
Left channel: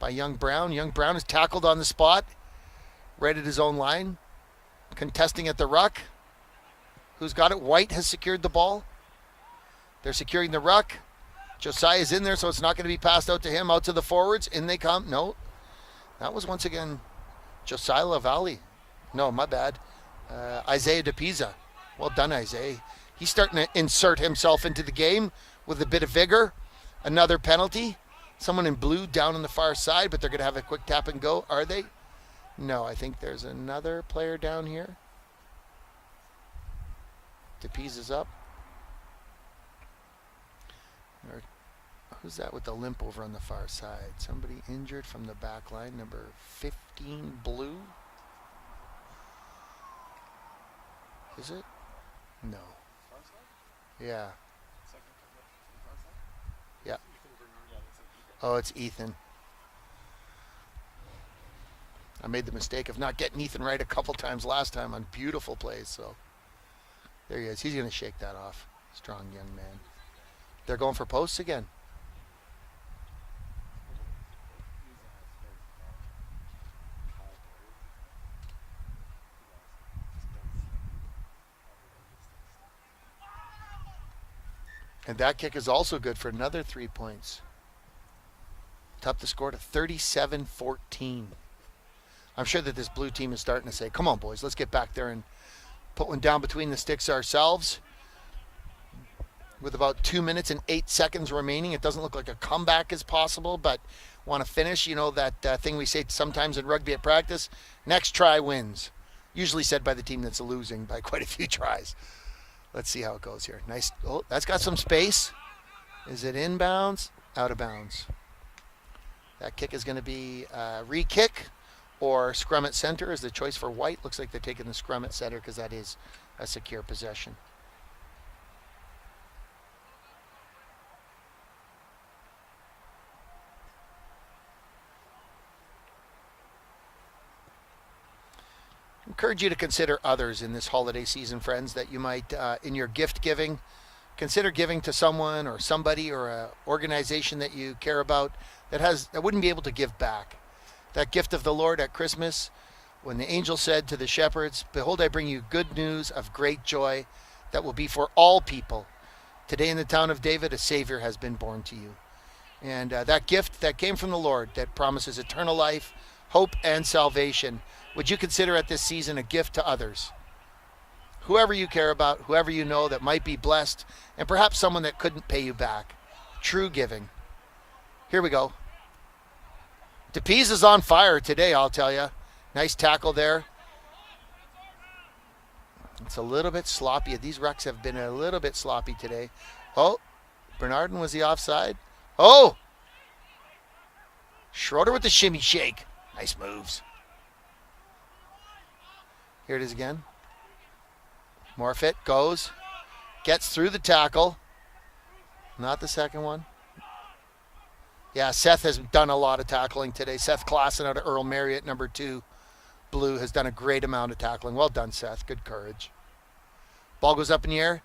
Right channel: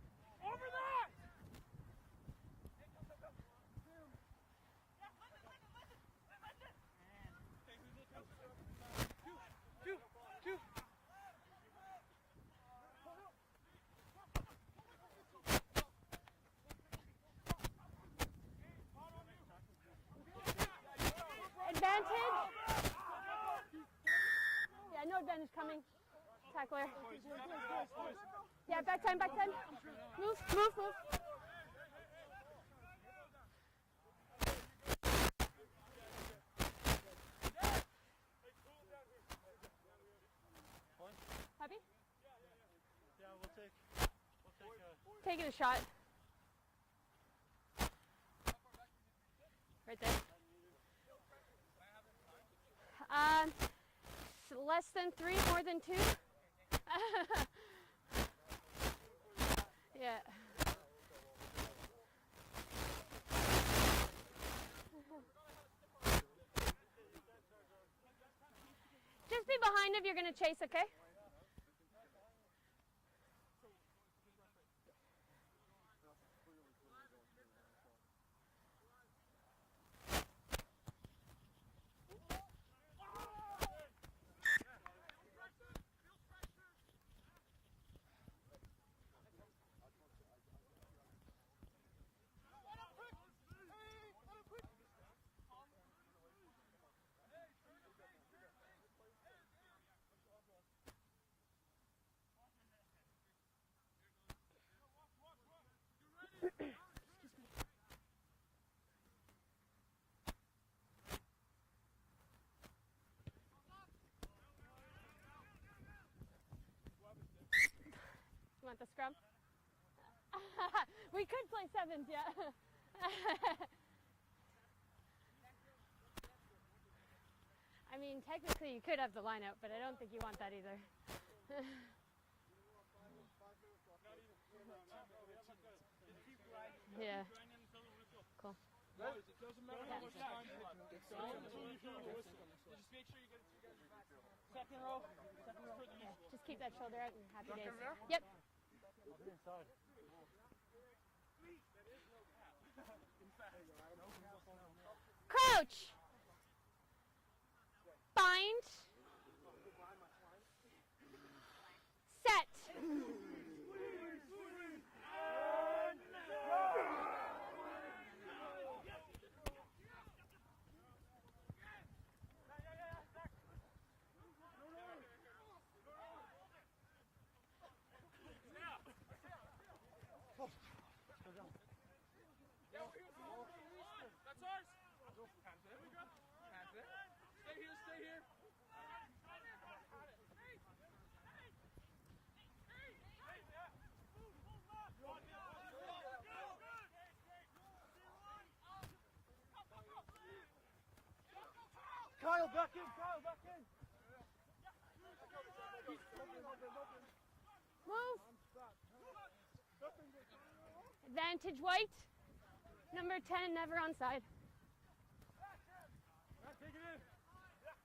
by Young Brown. Young Brown is tackled on the spot. Right at his own line. Contesting at the ruck. Who's got it? White has secured the ball. They're securing the ruck. Josiah is in there, so it's not going to be passed out to him. Out to the forwards. In they come. No. That was once again Josiah LaValle. No, my bad. Isaiah DePisa. Well done, Isaiah. He's starting to insert himself into the game with a bit of vigor. Another penalty. Someone in blue down on the far side, but they're going to have a quick tap and go. Are they? No, I think there's another player down here. DePisa's up. Who's that with the limp over on the far side? Somebody injured from the back line, number 15, blue. Right there. Is it? No. Yeah. Less than 3, more than 2? Yeah. Oh, it's Ethan. Yeah. I made the mistake of not getting Ethan right a couple times last time on beautiful plays. So there he is. He's going to shake that off. Strong young Just be man. behind if you're going to chase. Okay? They're going for posts again. And that kick is also good for another 3 points. Up the score to 37-14. I'm sure that this blue team is starting to say, come on, boys, let's get back there and put one down between the sticks ourselves. With about 2 minutes and 8 seconds remaining, it doesn't look like a comeback is possible, but want to finish. You know that thing we say sometimes in rugby at practice, next try wins. Usually said by the team that's losing by quite a few tries. Let's see how it goes here. Nice. Oh, that's got some space. Is it inbounds? Out of bounds. That kick is going to be re-kick or scrum at center is the choice for White. Looks like they're taking the scrum at center because that is a secure possession. I mean, technically you could have the lineup, but I don't think you want that either. Yeah. I encourage you to consider others in this holiday season, friends, that you might, in your gift giving, consider giving to someone or somebody or an organization that you care about that wouldn't be able to give back. That gift of the Lord at Christmas, when the angel said to the shepherds, behold, I bring you good news of great joy that will be for all people. Today in the town of David, a Savior has been born to you. And that gift that came from the Lord that promises eternal life, hope, and salvation, would you consider at this season a gift to others? Whoever you care about, whoever you know that might be blessed, and perhaps someone that couldn't pay you back. True giving. Here we go. DePies is on fire today, I'll tell you. Nice tackle there. It's a little bit sloppy. These rucks have been a little bit sloppy today. Oh, Bernardin, was he offside? Oh! Schroeder with the shimmy shake. Nice moves. Here it is again. Morfitt goes. Gets through the tackle. Not the second one. Yeah, Seth has done a lot of tackling today. Seth Claassen out of Earl Marriott, number 2. Blue has done a great amount of tackling. Well done, Seth. Good courage. Ball goes up in the air.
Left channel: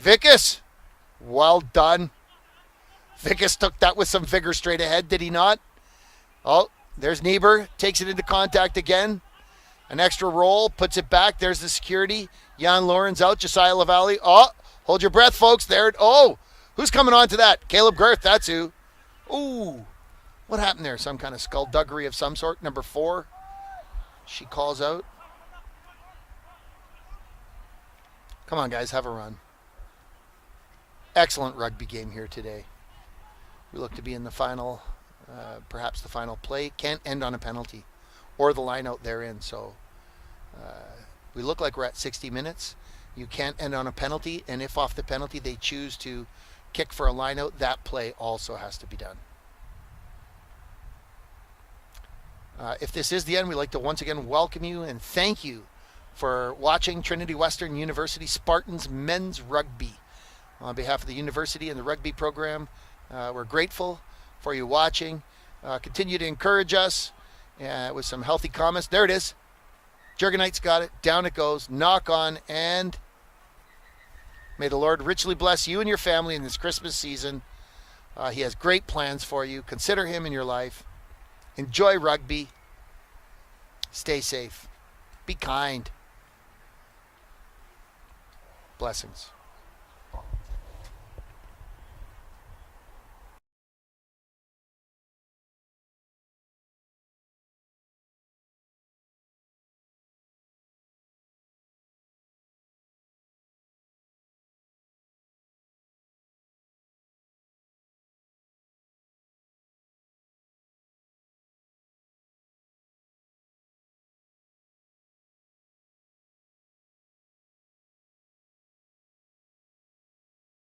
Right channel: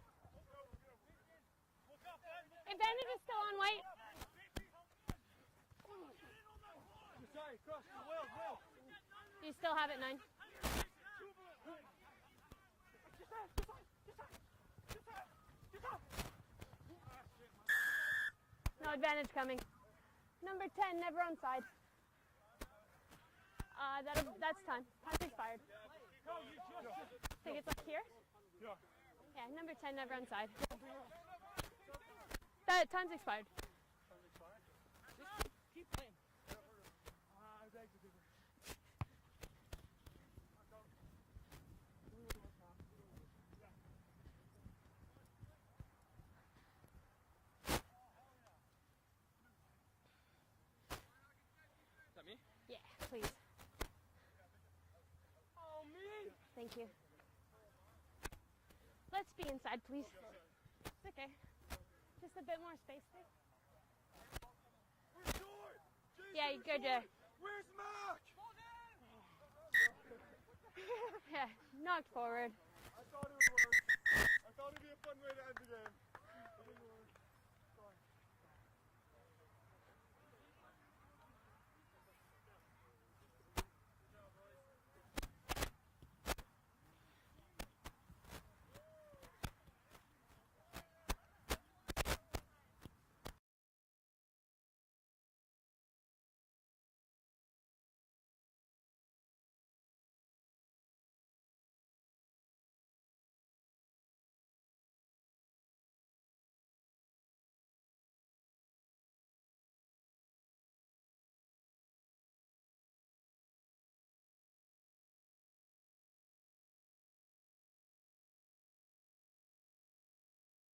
Vickers. Well done. Vickers took that with some vigor straight ahead, did he not? Oh, there's Niebuhr. Takes it into contact again. An extra roll, puts it back. There's the security. Jan Lorenz out. Josiah LaValle. Oh, hold your breath, folks. There. Oh, who's coming on to that? Caleb Girth, that's who. Ooh, what happened there? Some kind of skullduggery of some sort. Number 4. She calls out. Come on, guys, have a run. Excellent rugby game here today. We look to be in the final, perhaps the final play. Can't end on a penalty or the line out therein. So we look like we're at 60 minutes. You can't end on a penalty, and if off the penalty they choose to kick for a line out, that play also has to be done. If this is the end, we'd like to once again welcome you and thank you for watching Trinity Western University Spartans men's rugby. On behalf of the university and the rugby program, we're grateful for you watching. Continue to encourage us with some healthy comments. There it is. Jurgenite's got it. Down it goes. Knock on, and may the Lord richly bless you and your family in this Christmas season. He has great plans for you. Consider him in your life. Enjoy rugby. Stay safe. Be kind. Blessings.